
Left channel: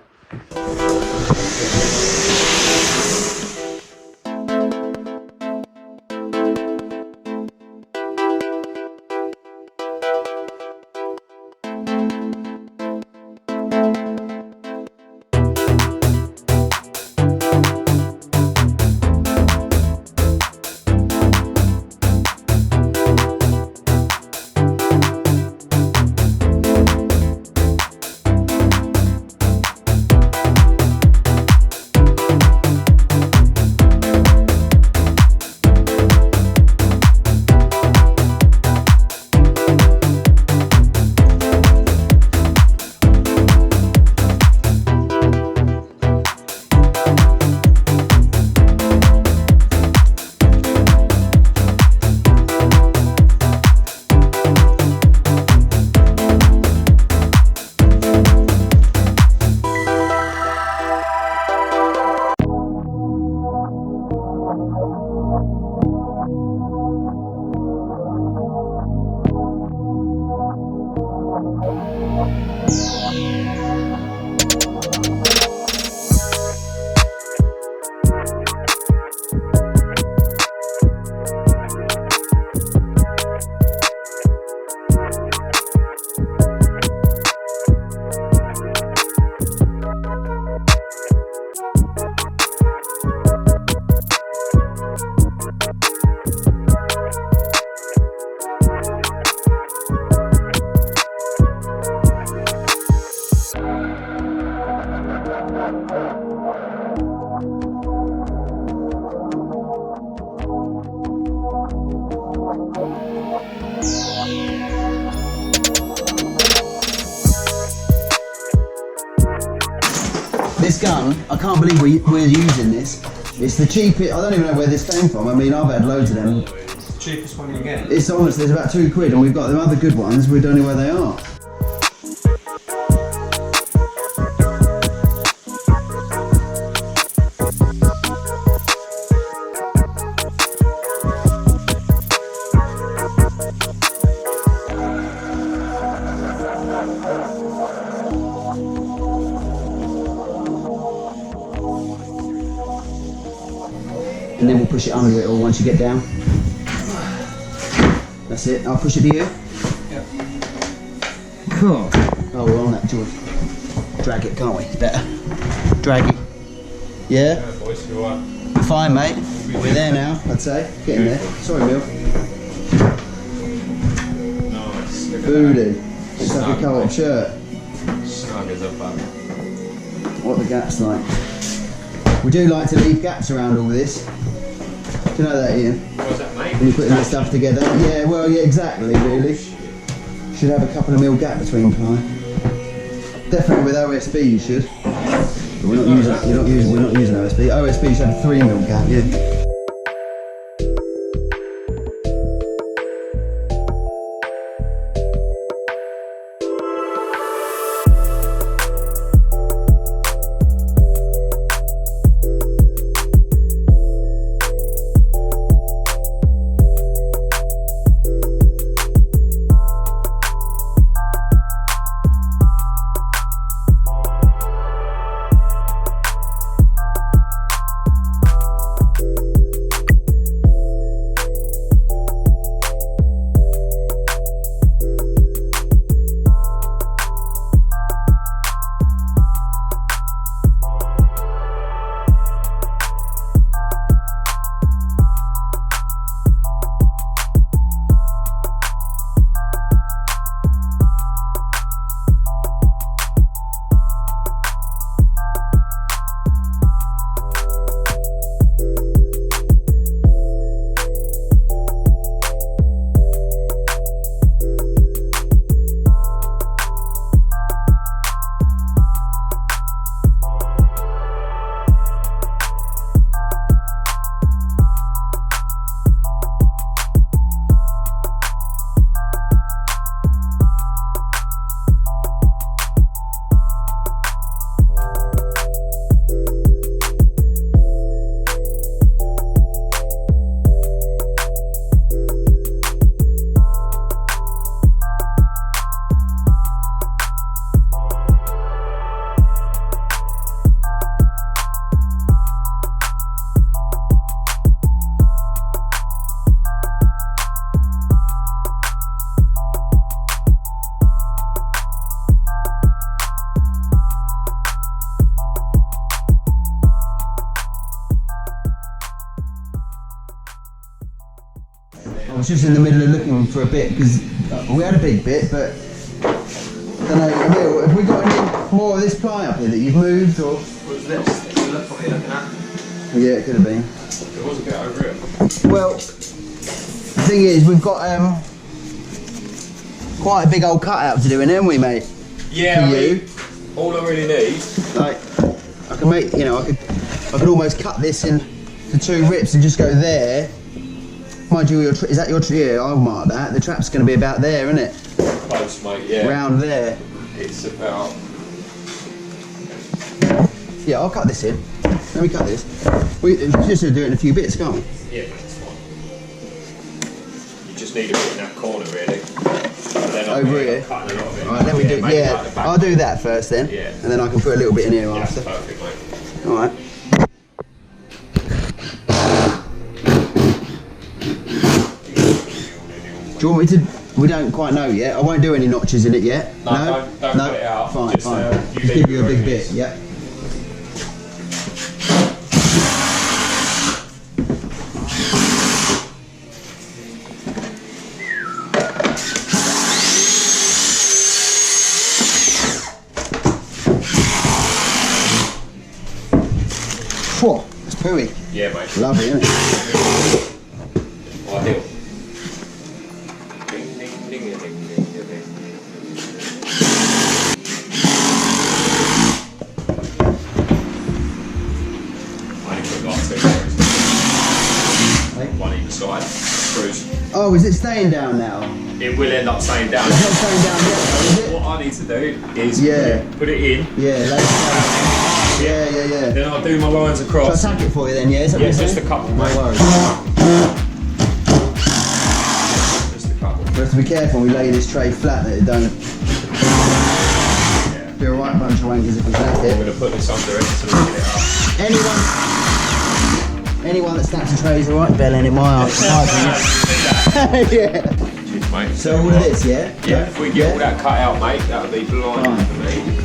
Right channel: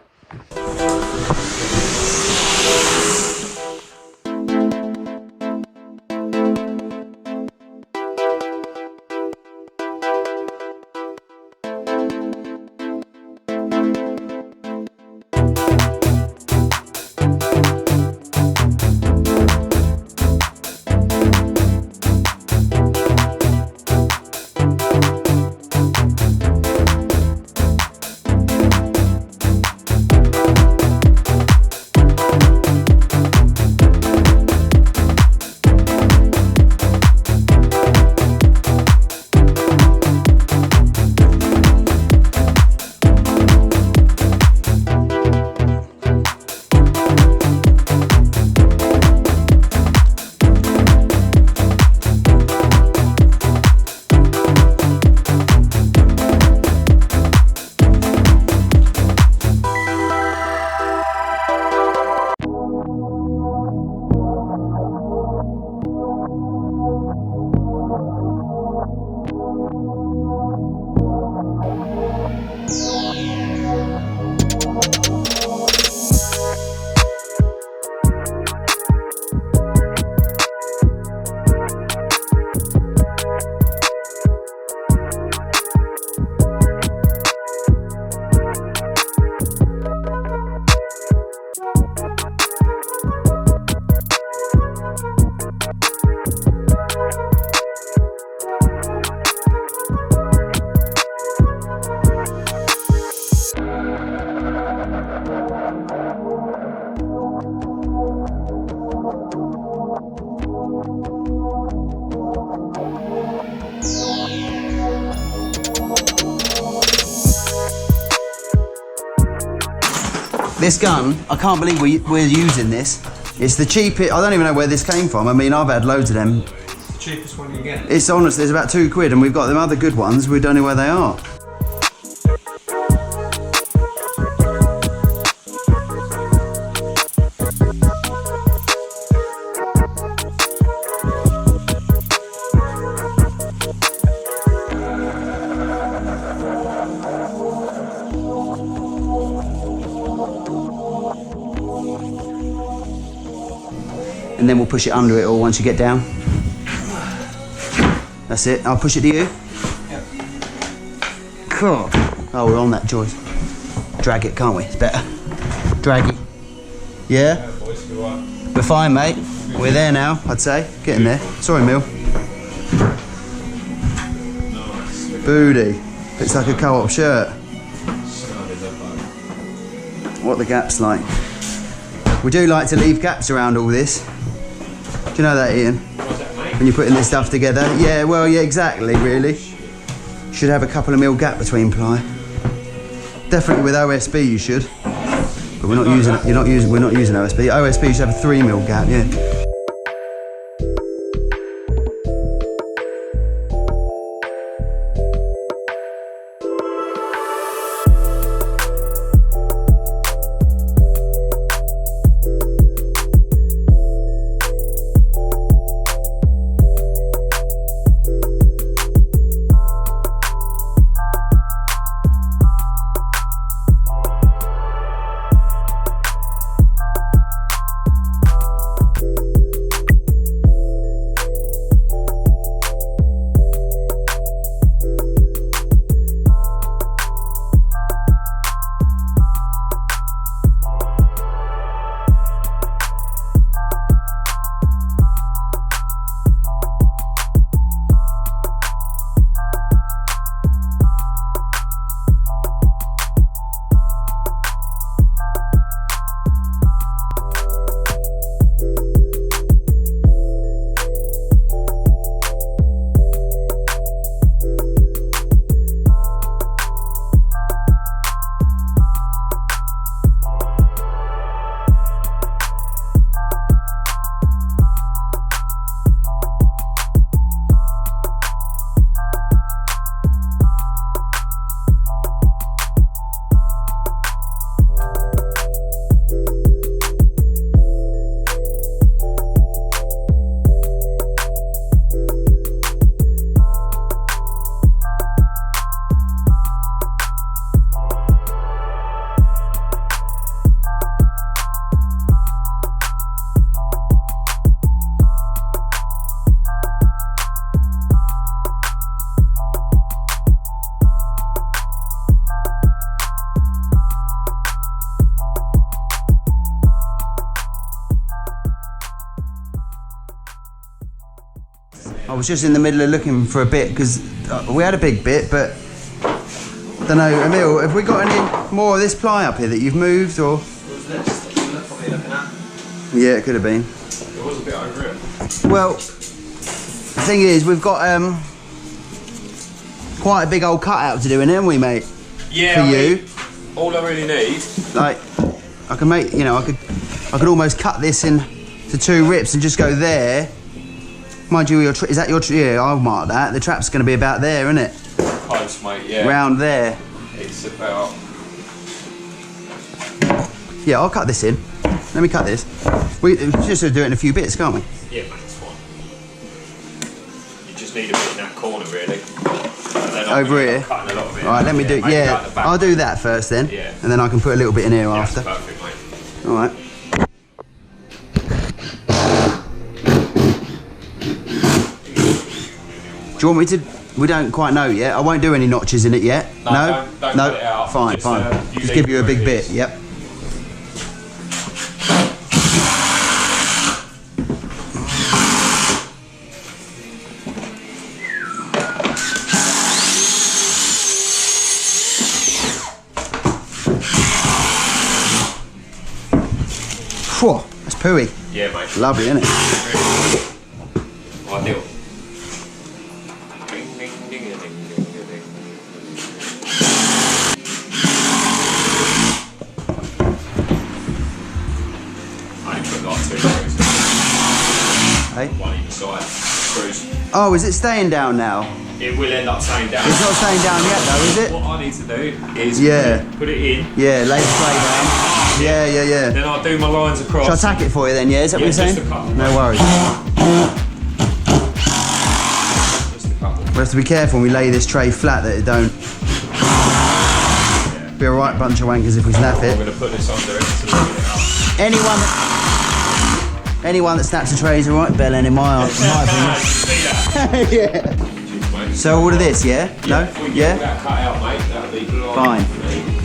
This gun, I can't believe we're using this. It's the cheapest, I don't even know where this came from. I mean, I've had loads of them. The cheapest one you get. It's honestly, it's about £2 and we've got them other good ones, we don't know where they are. And then we'll push it under it all once you get down. That's it. I'll push it to you. Yep. Cool. Oh, we're on that joist. Drag it, can't we? It's better. Drag it. Yeah? We're fine, mate. We're there now, I'd say. Getting there. Sorry, Mill. Booty. It's like a co-op shirt. What the gap's like. We do like to leave gaps around all this. Do you know that, Ian? What's that, mate? When you're putting this stuff together? Yeah, well, yeah, exactly, really. Should have a couple of mil gap between ply. Definitely with OSB you should. But we're not using OSB. OSB you should have a 3 mil gap, yeah. I was just in the middle of looking for a bit because we had a big bit, but I don't know, Emil, have we got any more of this ply up here that you've moved or? What was this? You look probably looking at. Yeah, it could have been. There was a bit over it. Well, the thing is, we've got quite a big old cutout to do, haven't we, mate? Yeah. For you. All I really need. Like, I can make, you know, I could almost cut this into 2 rips and just go there. Mind you, is that your yeah, I'll mark that. The trap's going to be about there, isn't it? Close, mate, yeah. Round there. It's about... Yeah, I'll cut this in. Let me cut this. We just do it in a few bits, can't we? Yeah, mate, it's fine. You just need a bit in that corner, really. Over here? Cutting a lot of it. Alright, let me do, yeah, I'll do that first then. Yeah. And then I can put a little bit in here Yeah, after. that's perfect, mate. Alright. Do you want me to? We don't quite know yet. I won't do any notches in it yet. No? Don't cut it out. Fine, Just, fine. you Just leave give you a it big where it bit, is. yep. Whew, that's pooey. Yeah, mate. Lovely, isn't it? Ideal. Ding, ding, ding, ding, ding, ding, ding. Oh, is it staying down now? It will end up staying down. It's not staying down yet though, is it? What I need to do is put it in. Yeah, lay it down. Yeah. Then I'll do my lines across. Shall I tack it for you then, yeah? Is that what you're saying? Just a couple. No worries. Just a couple. We have to be careful when we lay this tray flat that it don't be a right bunch of wankers if we snap I'm it. going to put this under it so we can get it up. Anyone that snaps a tray is a right bellend in my opinion. Yeah. Cheers, mate. So all of this, yeah? Yeah, No? if we get all that cut out, mate, that would be blind Fine. for me.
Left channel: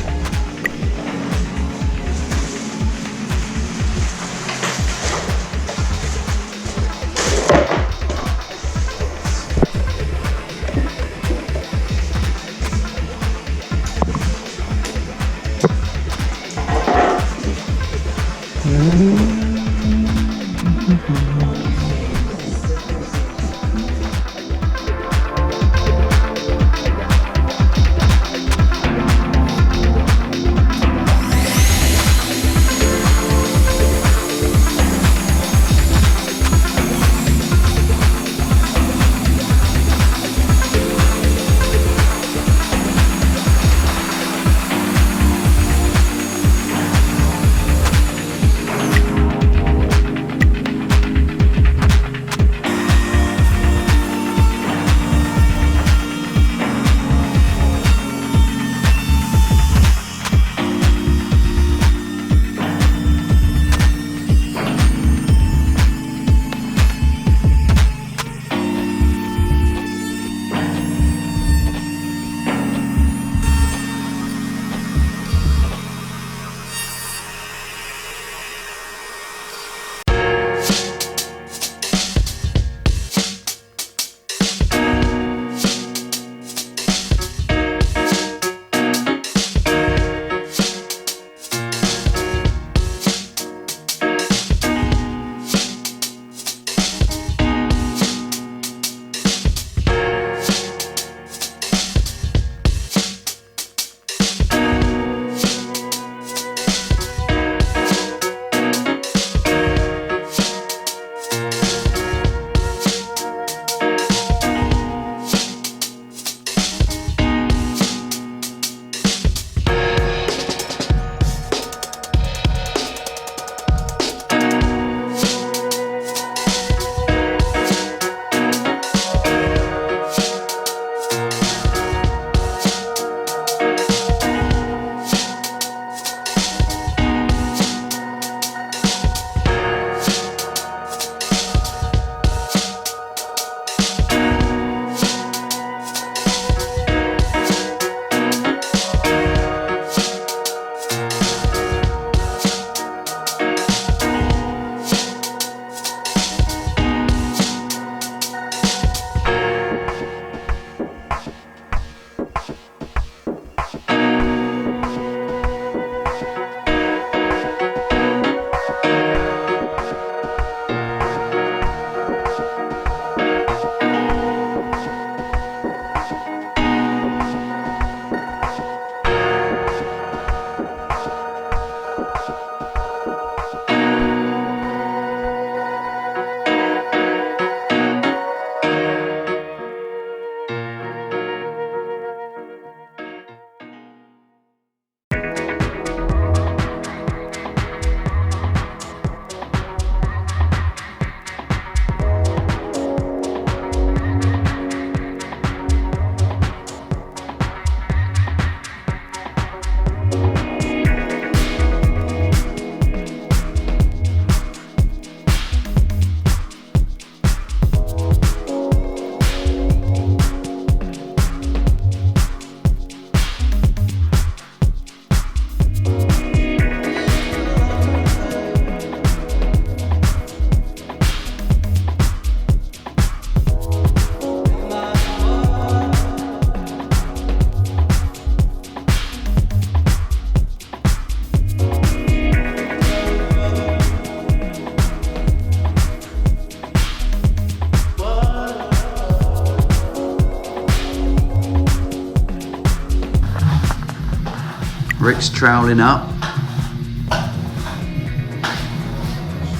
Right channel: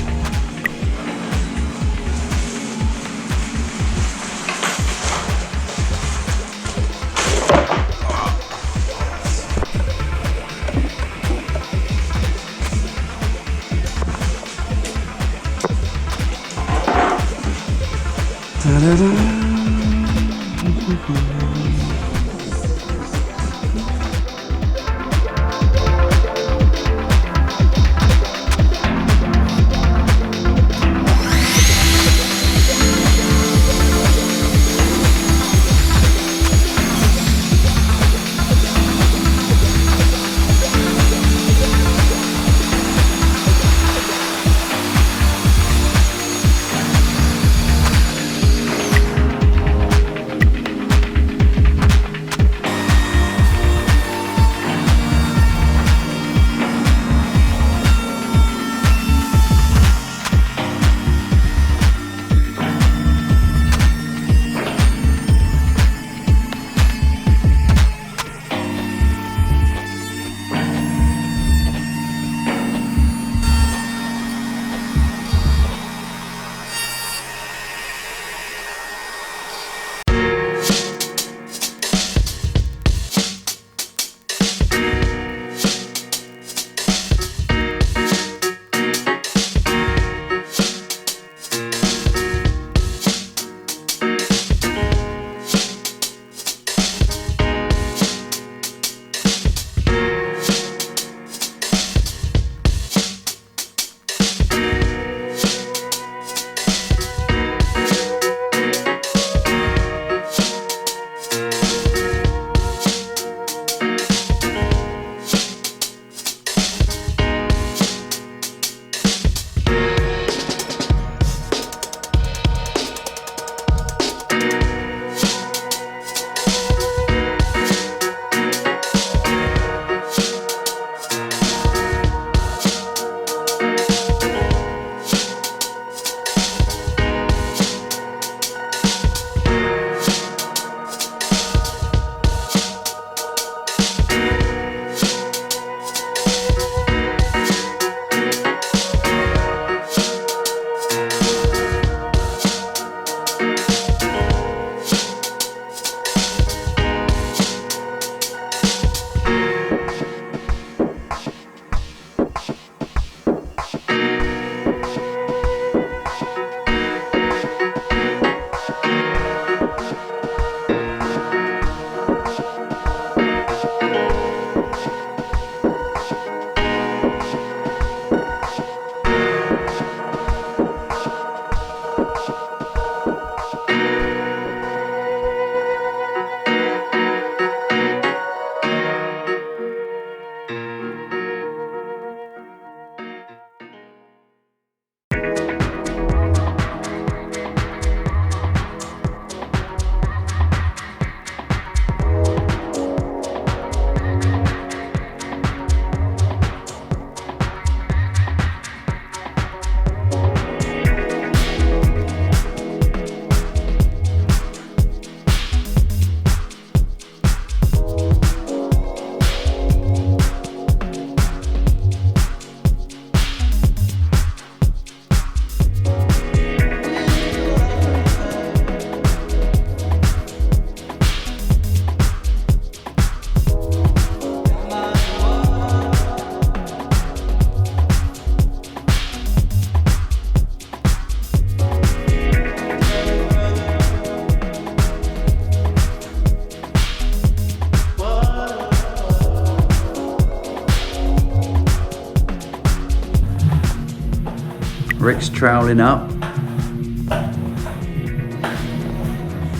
Rick's troweling up.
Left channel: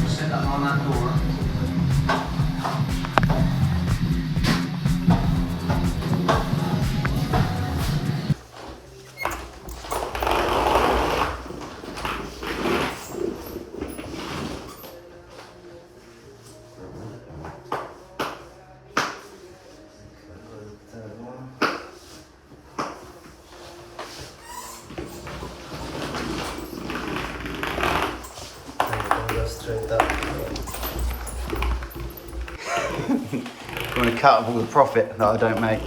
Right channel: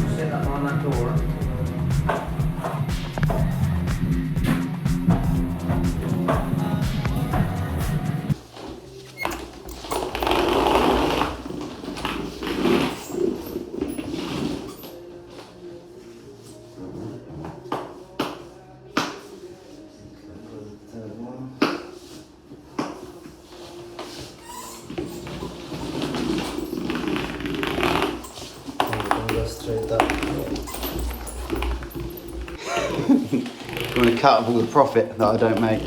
Set that on that door. want to cut of all the profit that I don't make.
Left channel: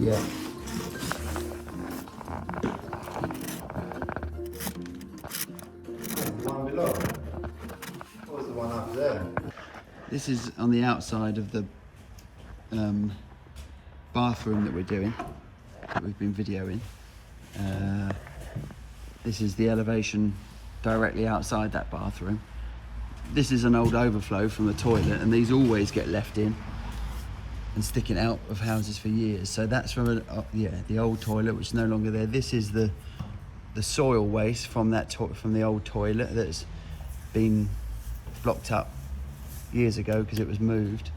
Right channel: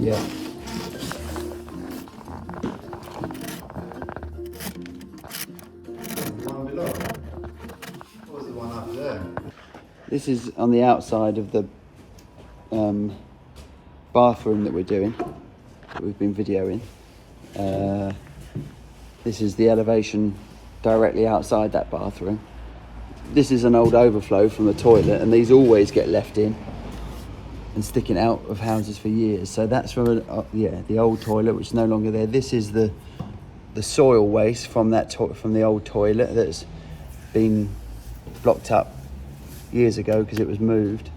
Yeah. This is on the outside of the bathroom that we're doing, that we've been videoing. This is the elevation directly outside that bathroom. This is an old overflow from the toilet, and these always get left in and sticking out of houses for years. So that's from the old toilet, which is no longer there. This is the soil waste from that from the old toilet that's been blocked up years ago because it was moved.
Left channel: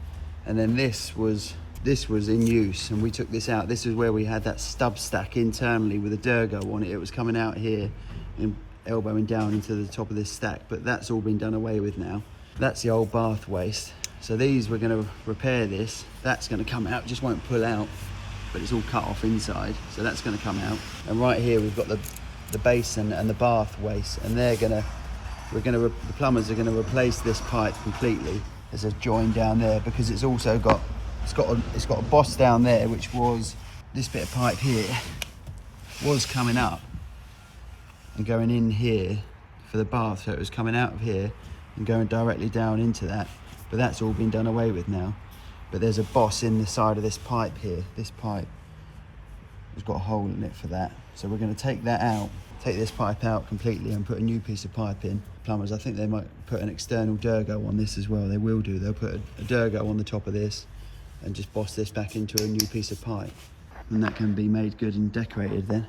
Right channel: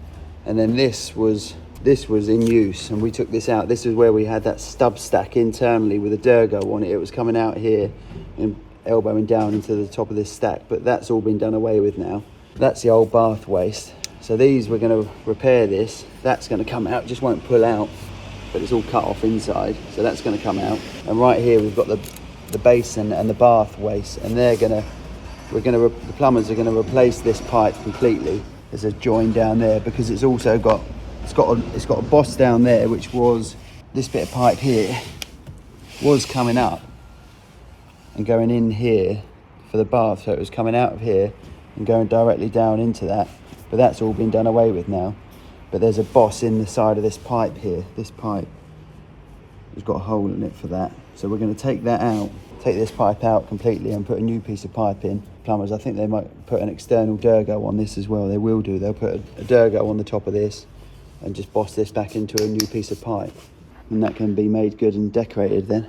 And then this was in use, and we took this out. This is where we had that stub stack internally with a Durgo on it. It was coming out here and elbowing down into the top of this stack, but that's all been done away with now. That's the old bath waste. So these, we're going to repair this. That's going to come out, just won't pull out, but it's all cut off inside, so that's going to come out. And right here we've got the basin and the bath waste, and the plumbers are going to replace this pipe completely. There's a join down there because it's also got a boss down there, which was this bit of pipe here was coming up and going in here for the bath, so it was coming out of here and going directly down into that, but that's all been done away with now. But there's a boss in the side of this pipe here. This pipe has got a hole in it for that, so we're going to take that out, take this pipe out completely and put a new piece of pipe in. Plumbers, I think they might put an external Durgo on this as well. They will do. They'll put a Durgo on the top of this and just boss this back into a new piece of pipe, and that can be made good and decorated then.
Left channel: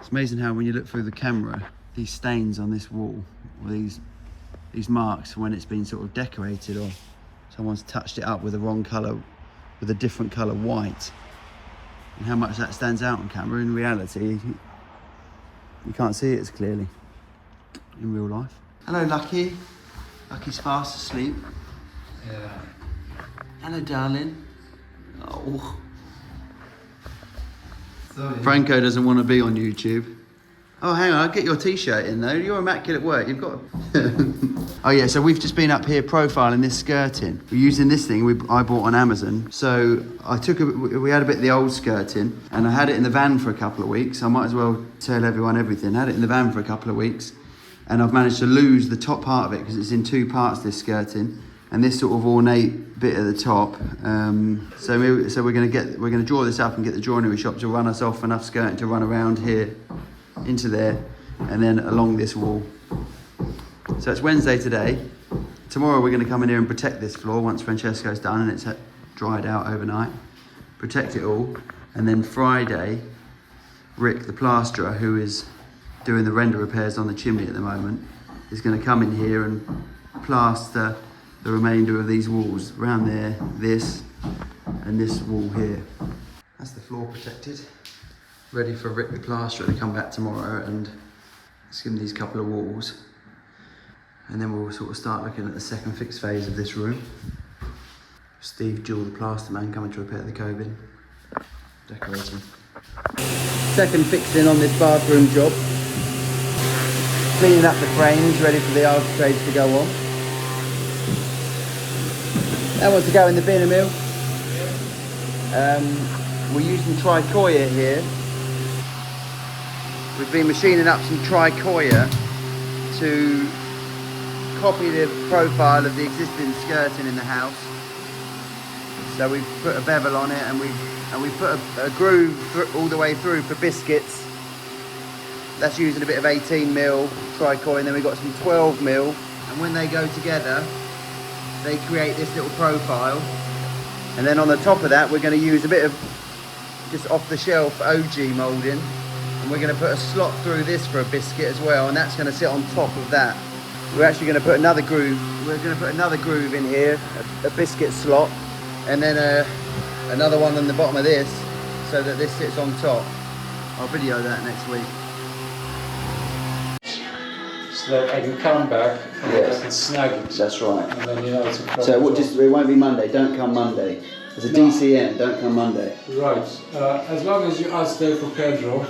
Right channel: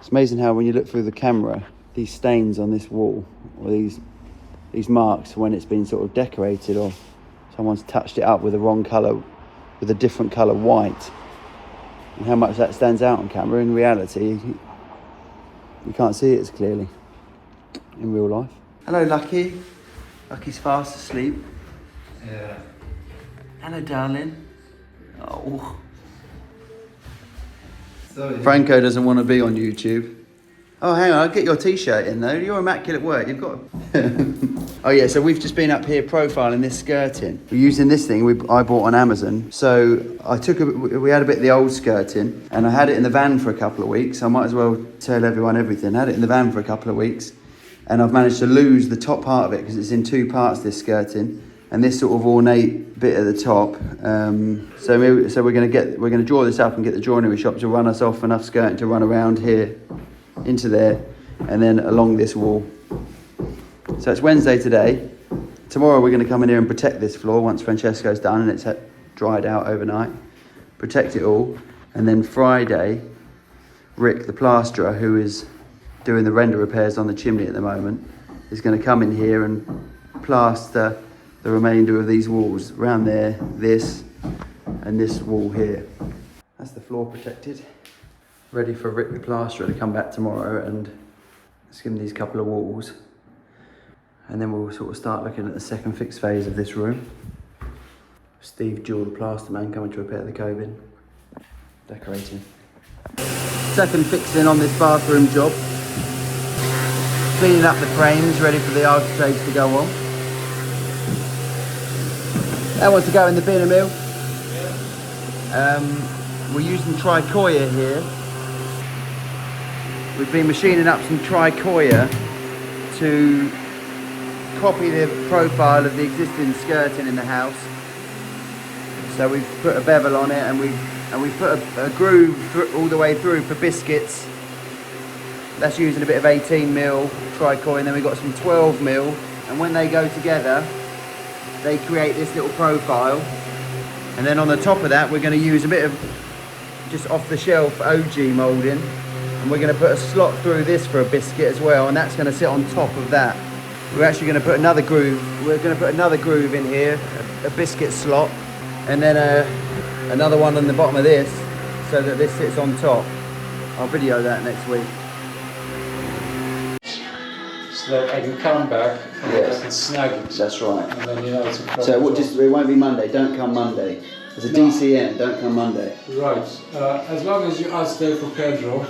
It's amazing how when you look through the camera, these stains on this wall, or these marks when it's been sort of decorated, or someone's touched it up with the wrong colour, with a different colour white, and how much that stands out on camera. In reality, you can't see it as clearly in real life. Hello, Lucky. Lucky's fast asleep. Yeah. Hello, darling. Oh. So Franco doesn't want to be on YouTube. Oh, hang on, I'll get your t-shirt in though. You're immaculate work. You've got. Oh yeah, so we've just been up here profiling this skirting. We're using this thing I bought on Amazon. So we had a bit of the old skirting, and I had it in the van for a couple of weeks. I might as well tell everyone everything. I had it in the van for a couple of weeks, and I've managed to lose the top part of it because it's in two parts, this skirting, and this sort of ornate bit at the top. So we're going to draw this up and get the joinery shop to run us off enough skirting to run around here into there and then along this wall. So it's Wednesday today. Tomorrow we're going to come in here and protect this floor once Francesco's done and it's dried out overnight. Protect it all. And then Friday, Rick, the plasterer, who is doing the render repairs on the chimney at the moment, is going to come in here and plaster the remainder of these walls around there, this and this wall here. That's the floor protected. Ready for Rick the plasterer to come back tomorrow and skim these couple of walls. And then we'll sort of start looking at the second fix phase of this room. Steve Jewell, the plaster man, coming to repair the cobin. Decorating. Second fixing on this bathroom job. Cleaning up the frames, ready for the architrave to go on. That one to go in the bin and mill. We're using tricoya here. We've been machining up some tricoya to copy the profile of the existing skirting in the house. So we've put a bevel on it, and we've put a groove all the way through for biscuits. That's using a bit of 18mm tricoya, and then we've got some 12mm, and when they go together they create this little profile. And then on the top of that we're going to use a bit of just off the shelf OG moulding, and we're going to put a slot through this for a biscuit as well, and that's going to sit on top of that. We're actually going to put another groove. We're going to put another groove in here, a biscuit slot, and then a another one on the bottom of this, so that this sits on top. I'll video that next week. So that I can come back and I can snag it. That's right. And then you know it's a problem. So it won't be Monday. Don't come Monday. It's a DCM. Don't come Monday. Right. As long as you ask there for Pedro.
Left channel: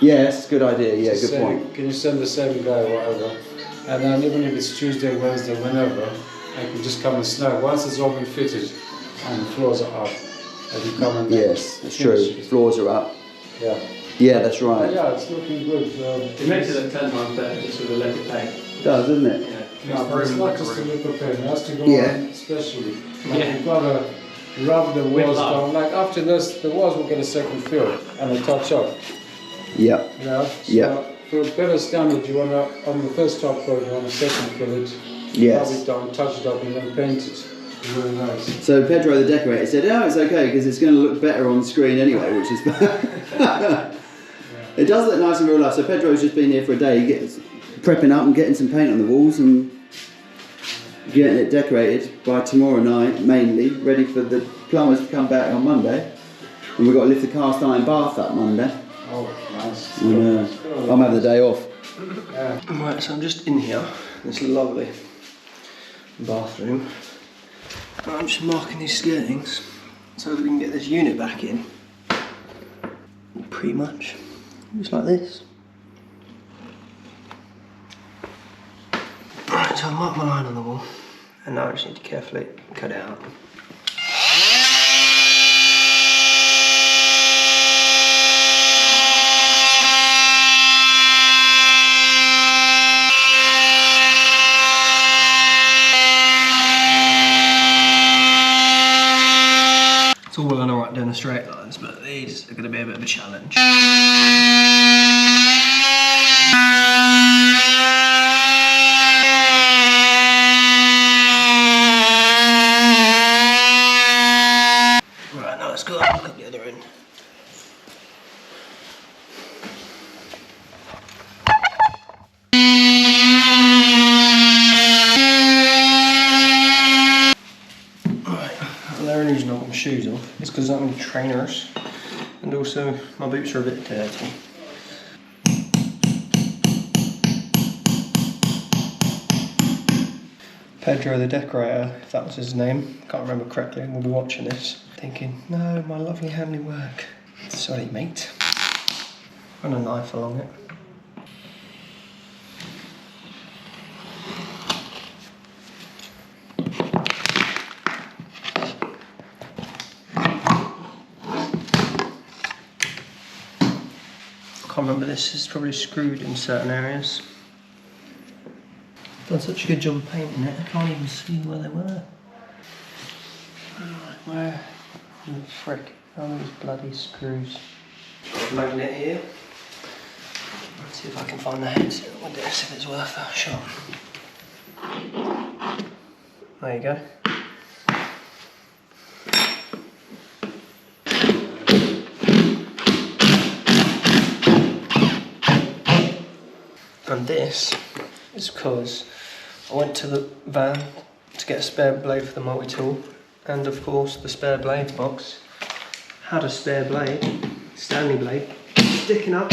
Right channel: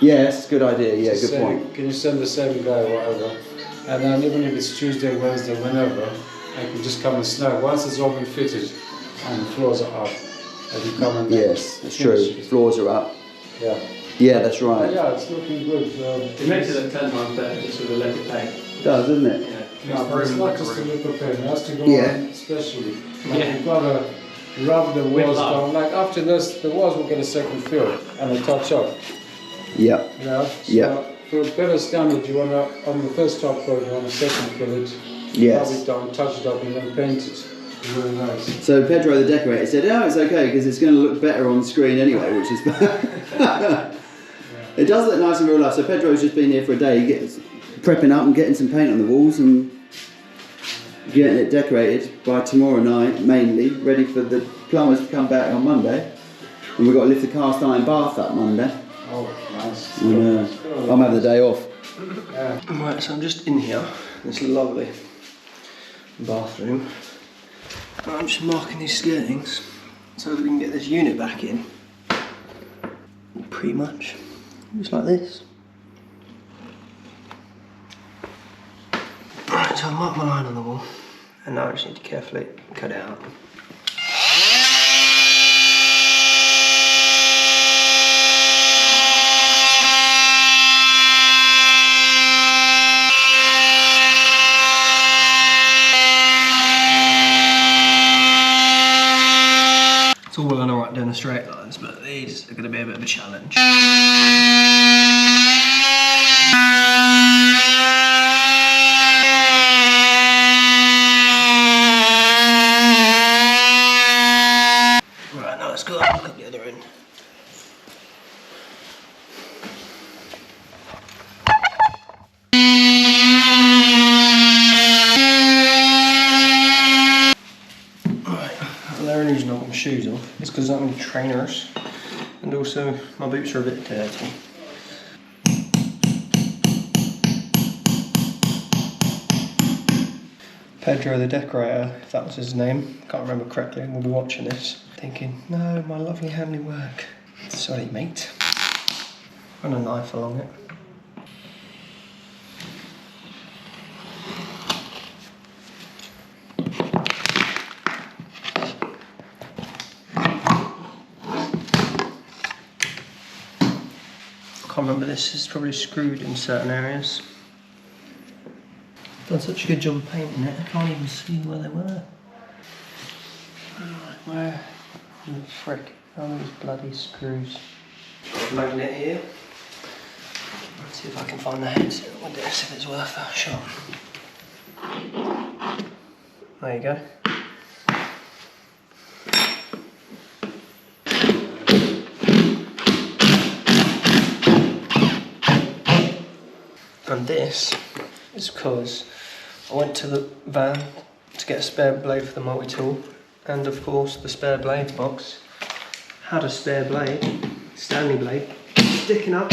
Yes, good idea. Yeah, good say, point. Can you send the same guy or whatever? And then even if it's Tuesday, Wednesday, whenever, I can just come and snag. Once it's all been fitted and the floors are up, I can come and Yes, that's true. Floors are up. Yeah. Yeah, that's right. Yeah, it's looking good. It makes it look 10 times better just with a liquid paint. It does, doesn't it? Yeah. It's not just a liquid paint, it has to go Yeah. on especially. Like Yeah. you've got to rub the walls love. down. Like after this, the walls will get a second fill and a touch up. Yeah. Yeah. So Yeah. for a better standard, you want to, on the first top coat, you want to second fill it, Yes. rub it down, touch it up, and then paint it. Really nice. So Pedro the decorator said, "Oh, it's okay because it's going to look better on screen anyway," which is. It does look nice in real life. So Pedro's just been here for a day, prepping up and getting some paint on the walls and getting it decorated by tomorrow night, mainly ready for the plumbers to come back on Monday. And we've got to lift the cast iron bath up Monday. Oh, nice. And, I'm having the day off. Yeah. Right, so I'm just in here, this lovely bathroom. And I'm just marking these skirtings so that we can get this unit back in. Pretty much, just like this. Right, so I marked my line on the wall, and now I just need to carefully cut it out. It's all well and alright doing the straight lines, but these are going to be a bit of a challenge. Right, now let's go and look at the other end. The only reason I've got my shoes on is because I'm in trainers and also my boots are a bit dirty. Pedro the decorator, if that was his name, can't remember correctly, will be watching this thinking, no, my lovely handly work. Sorry mate. And a knife along it. I can't remember, this is probably screwed in certain areas. Done such a good job of painting it, I can't even see where they were. Where the frick are these bloody screws? Magnet here. Let's see if I can find the heads with this, if it's worth a shot. There you go. And this is because I went to the van to get a spare blade for the multi-tool, and of course the spare blades box had a spare blade, Stanley blade, sticking up.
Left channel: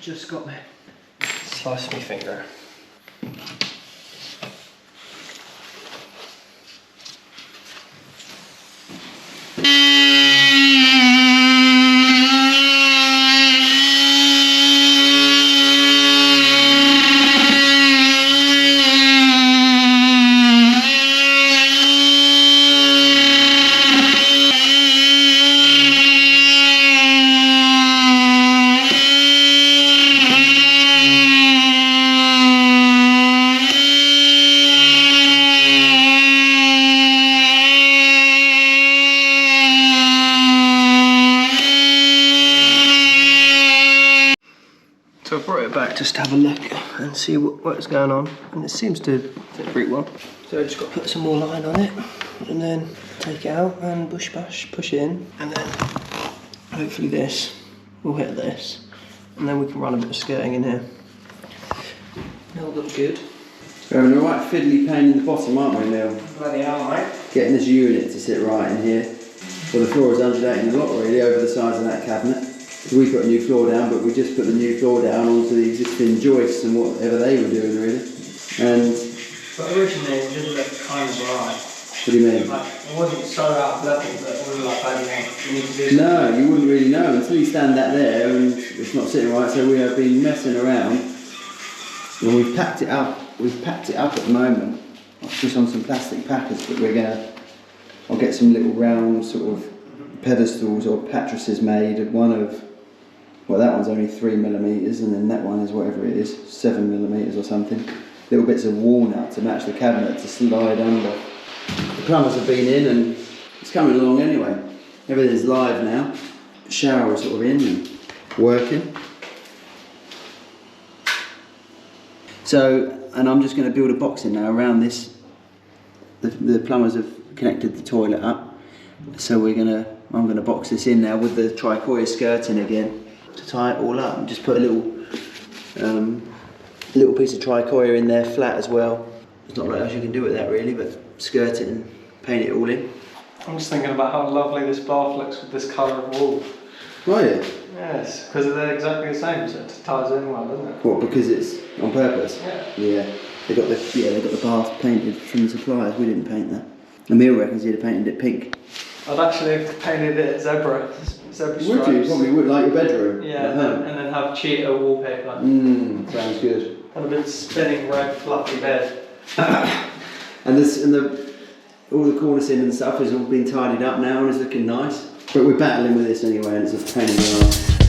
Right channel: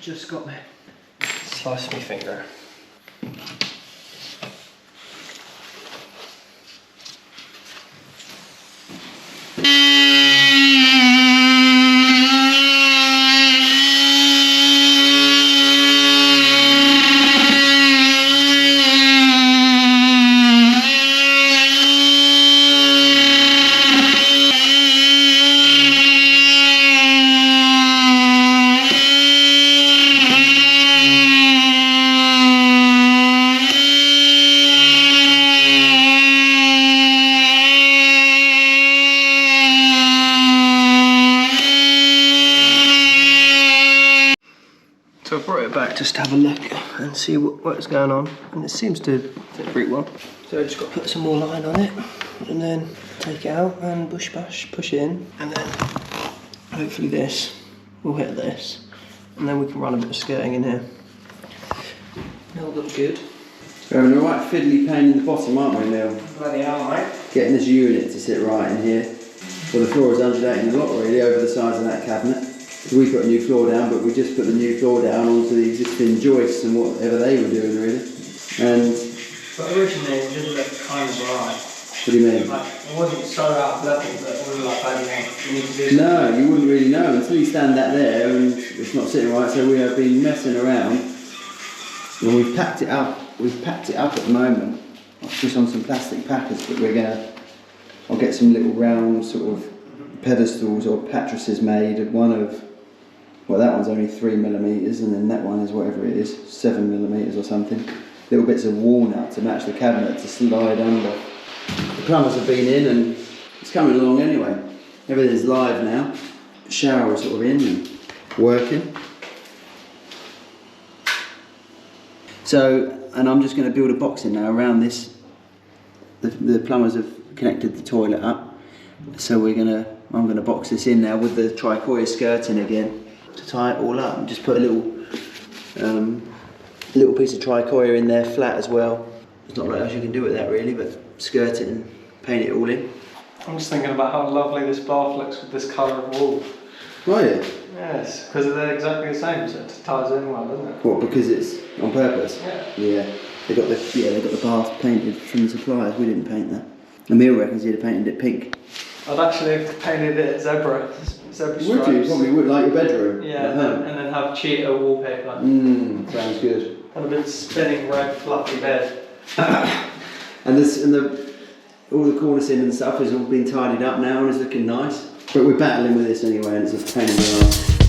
Just got me. Sliced my finger. So I brought it back just to have a look and see what's going on, and it seems to fit pretty well. So I just got to put some more line on it and then take it out and push it in, and then hopefully this will hit this, and then we can run a bit of skirting in here. It'll look good. We're having a right fiddly pain in the bottom, aren't we, Neil? Bloody hell, mate. getting this unit to sit right in here. Well, the floor is undulating a lot really over the size of that cabinet. So we put a new floor down, but we just put the new floor down onto the existing joists and whatever they were doing really. And But originally it did look kind of right. what do you mean? Like, it wasn't so out of level that we were like, I don't know, we need to do something. No, you wouldn't really know until you stand that there and it's not sitting right. So we have been messing around and we've packed it up. We've packed it up at the moment, just on some plastic packers. But I'll get some little round sort of pedestals or pattresses made. One of, well, that one's only 3mm, and then that one is whatever it is, 7mm or something. Little bits of walnut to match the cabinet to slide under. The plumbers have been in and it's coming along anyway. Everything's live now. The shower is sort of in and working. So, and I'm just going to build a box in now around this. The plumbers have connected the toilet up. So I'm going to box this in now with the tricoya skirting again to tie it all up and just put a little piece of tricoya in there flat as well. There's not much else you can do with that really, but skirt it and paint it all in. I'm just thinking about how lovely this bath looks with this colour of wall. Right, yeah. Yes, because they're exactly the same, so it ties in well, doesn't it? What, because it's on purpose? Yeah. Yeah. They got the bath painted from the suppliers. We didn't paint that. Emil reckons he'd have painted it pink. I'd actually have painted it zebra stripes. Would you? Probably would, like your bedroom. Yeah, at home. and then have cheetah wallpaper. Sounds good. And a big spinning red fluffy bed. And all the cornicing and stuff has all been tidied up now and it's looking nice. But we're battling with this anyway and it's a pain in the arse.